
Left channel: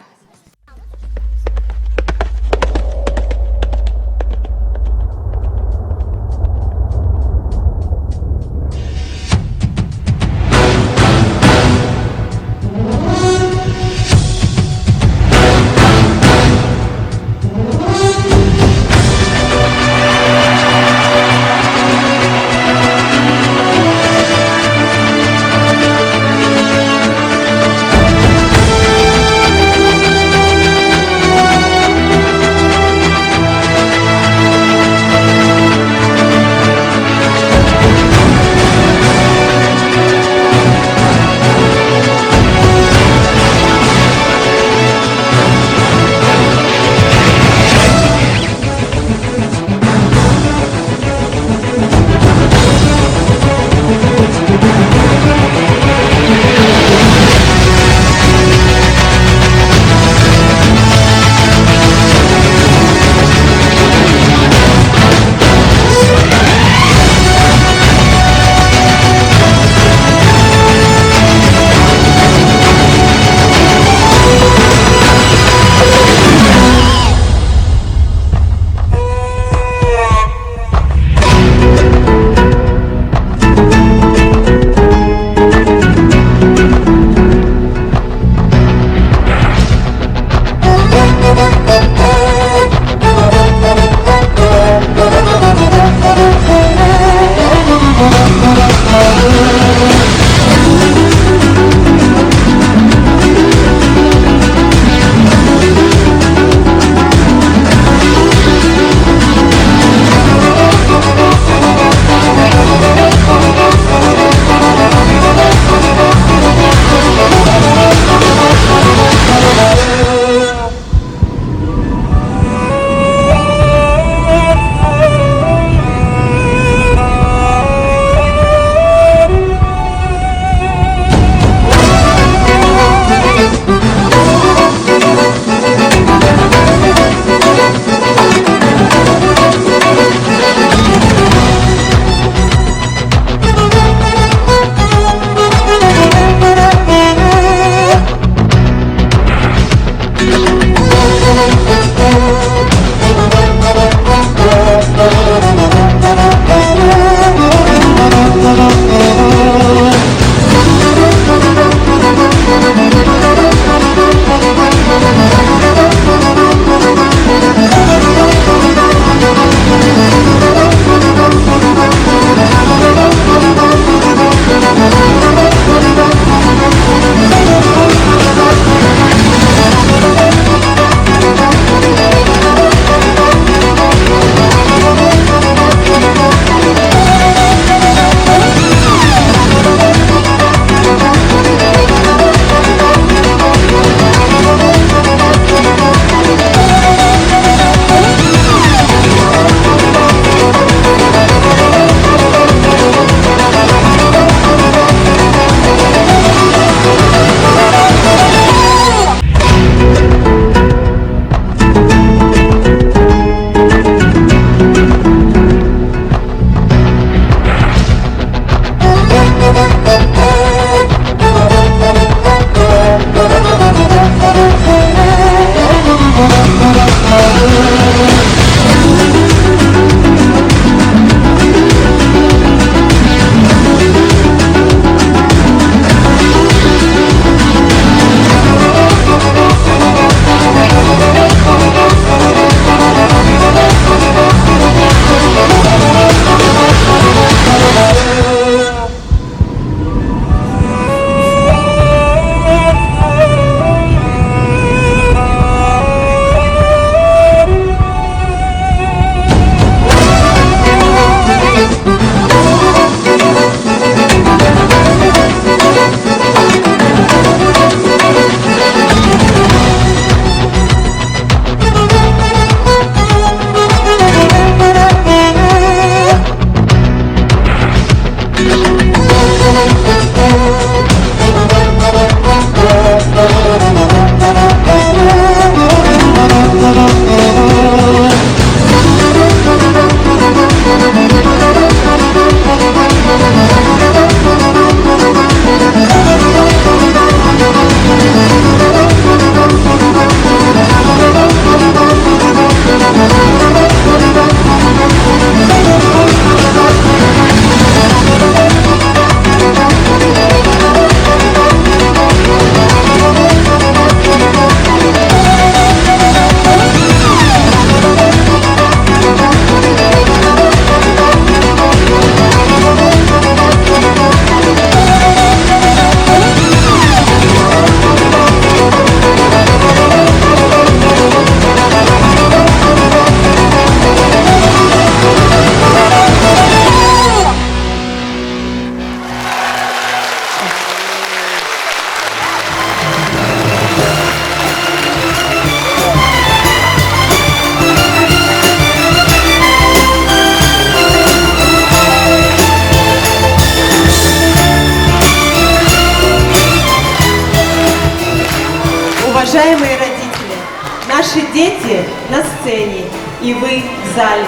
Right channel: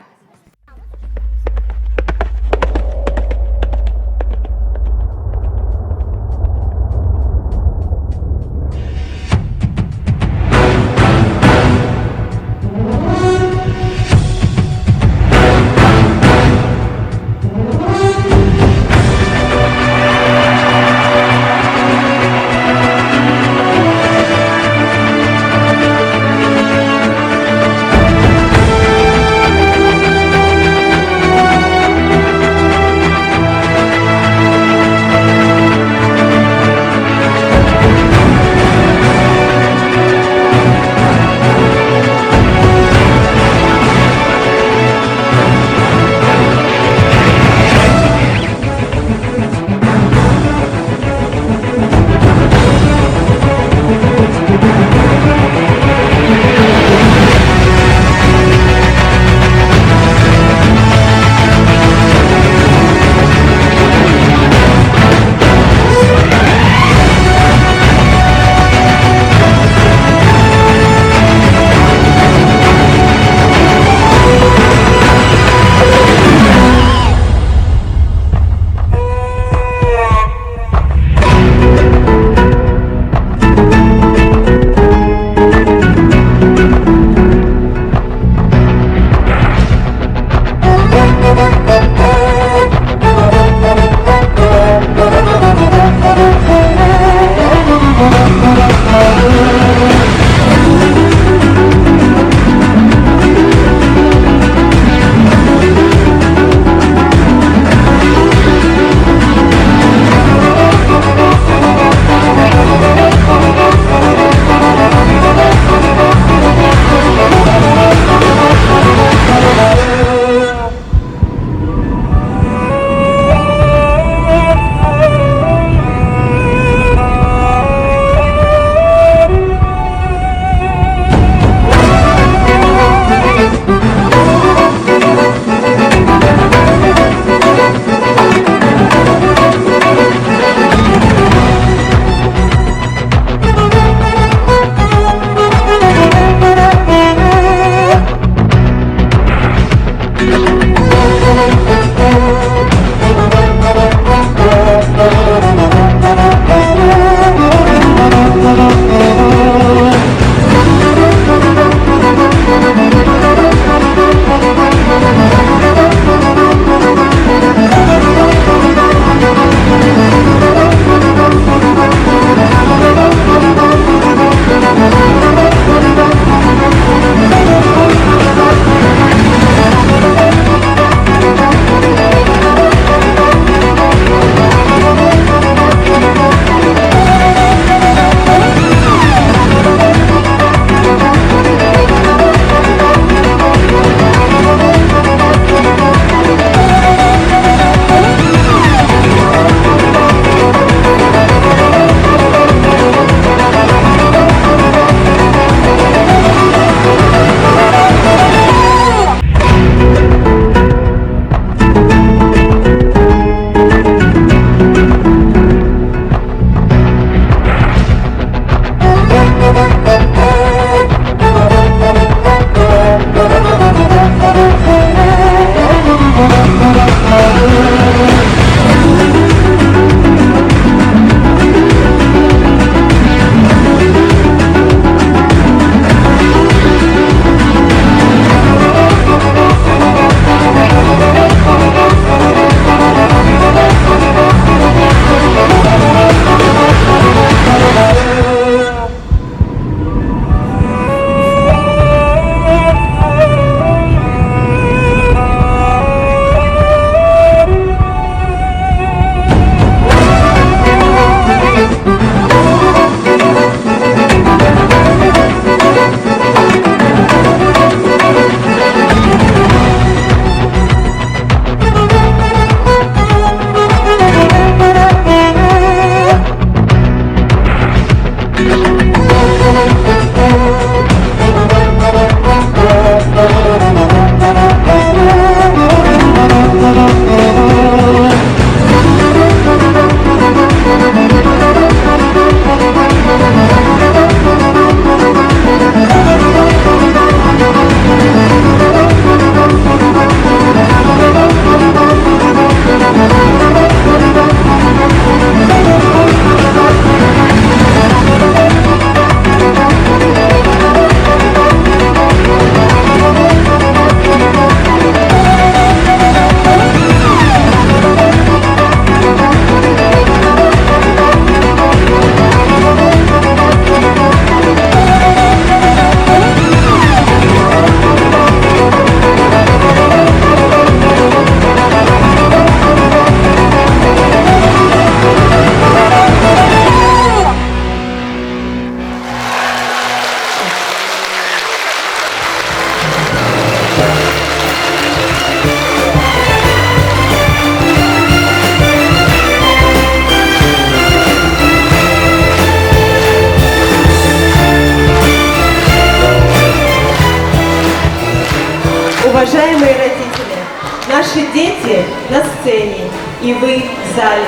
Уважаемые родители, наши дети на сцене, и вы в зале.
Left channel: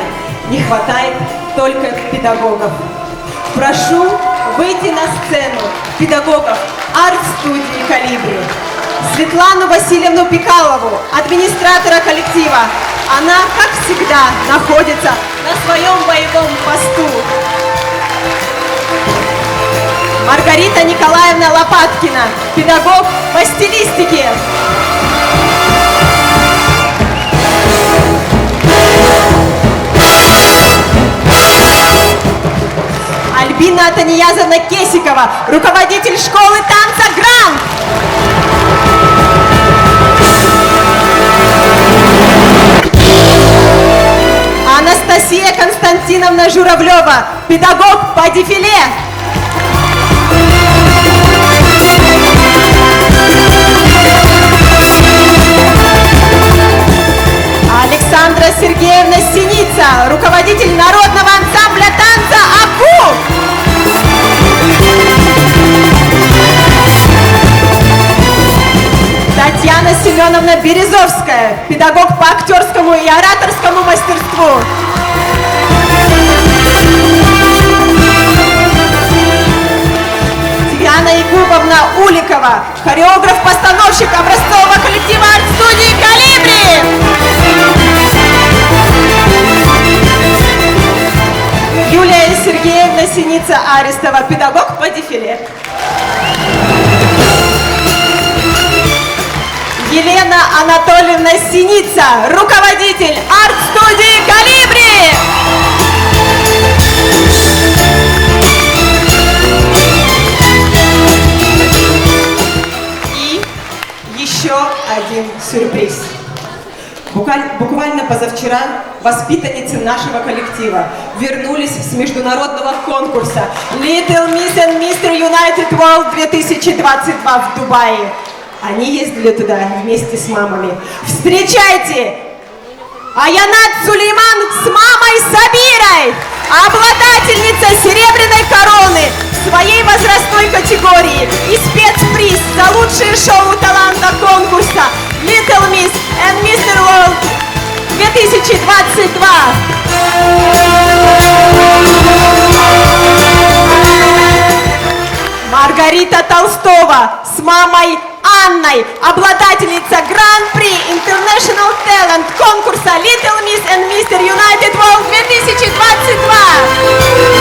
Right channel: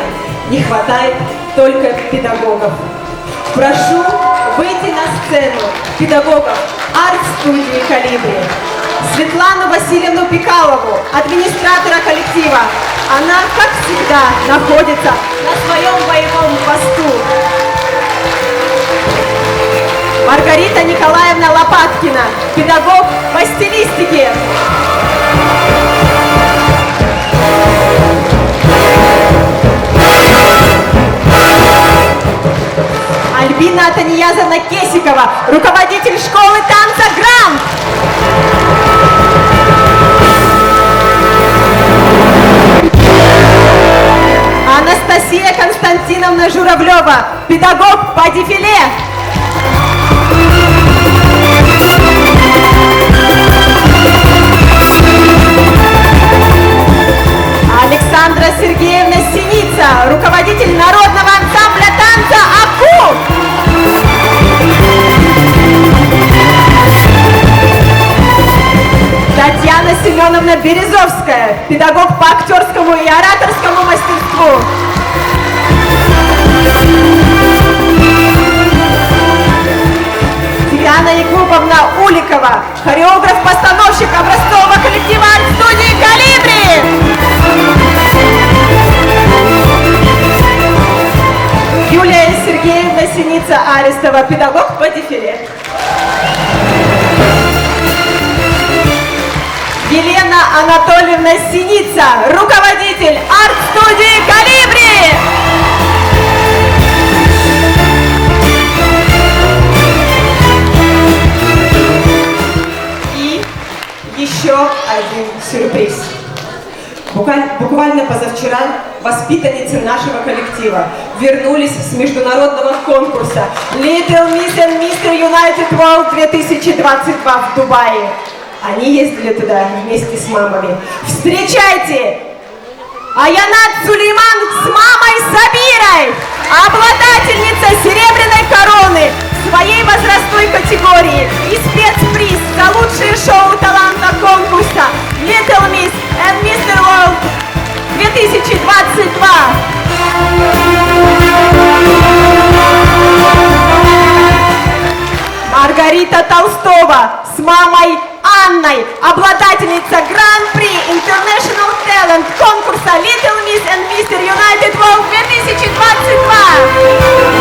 Не хватает только педагогов. Прошу выйти на сцену педагогов арт-студии «Колибри». Светлану Васильевну Пикалову, администратора коллектива. Она, как всегда, находится на своем боевом посту. Маргарита Николаевна Лопаткина, педагог по стилистике. Альбина Атаниязовна Кесикова, руководитель школы танца «Грант». Анастасия Константиновна Журавлева, педагог по дефиле. Александра Сергеевна Синица, руководитель народного ансамбля танца «Аку». Татьяна Семеновна Березовская, педагог по актерскому и ораторскому мастерству. Диана Якубовна Уликова, хореограф-постановщик образцового коллектива арт-студии «Колибри». Юлия Сергеевна Синица-Арестова, педагог по дефиле. Елена Анатольевна Синица, руководитель арт-студии «Колибри». И еще один сюрприз. Буквально позавчера воспитанницы нашего коллектива вернулись с международного конкурса Little Miss and Mr. United World 2022 в Дубае. Они ездили туда вместе с мамами. Встречайте! Аянат Сулейман с мамой Сабирой, обладательница серебряной короны в своей возрастной категории и спецприз за лучшее шоу таланта конкурса Little Miss and Mr. World 2022. Маргарита Толстова с мамой Анной, обладательница Гран-при International Talent конкурса Little Miss and Mr. United World 2022.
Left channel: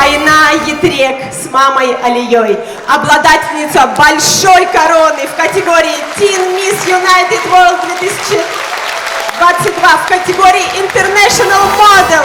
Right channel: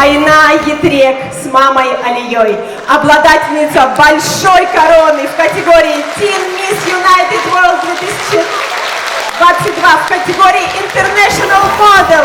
Айна Етрек с мамой Алией, обладательница большой короны в категории Teen Miss United World 2022 в категории International Model.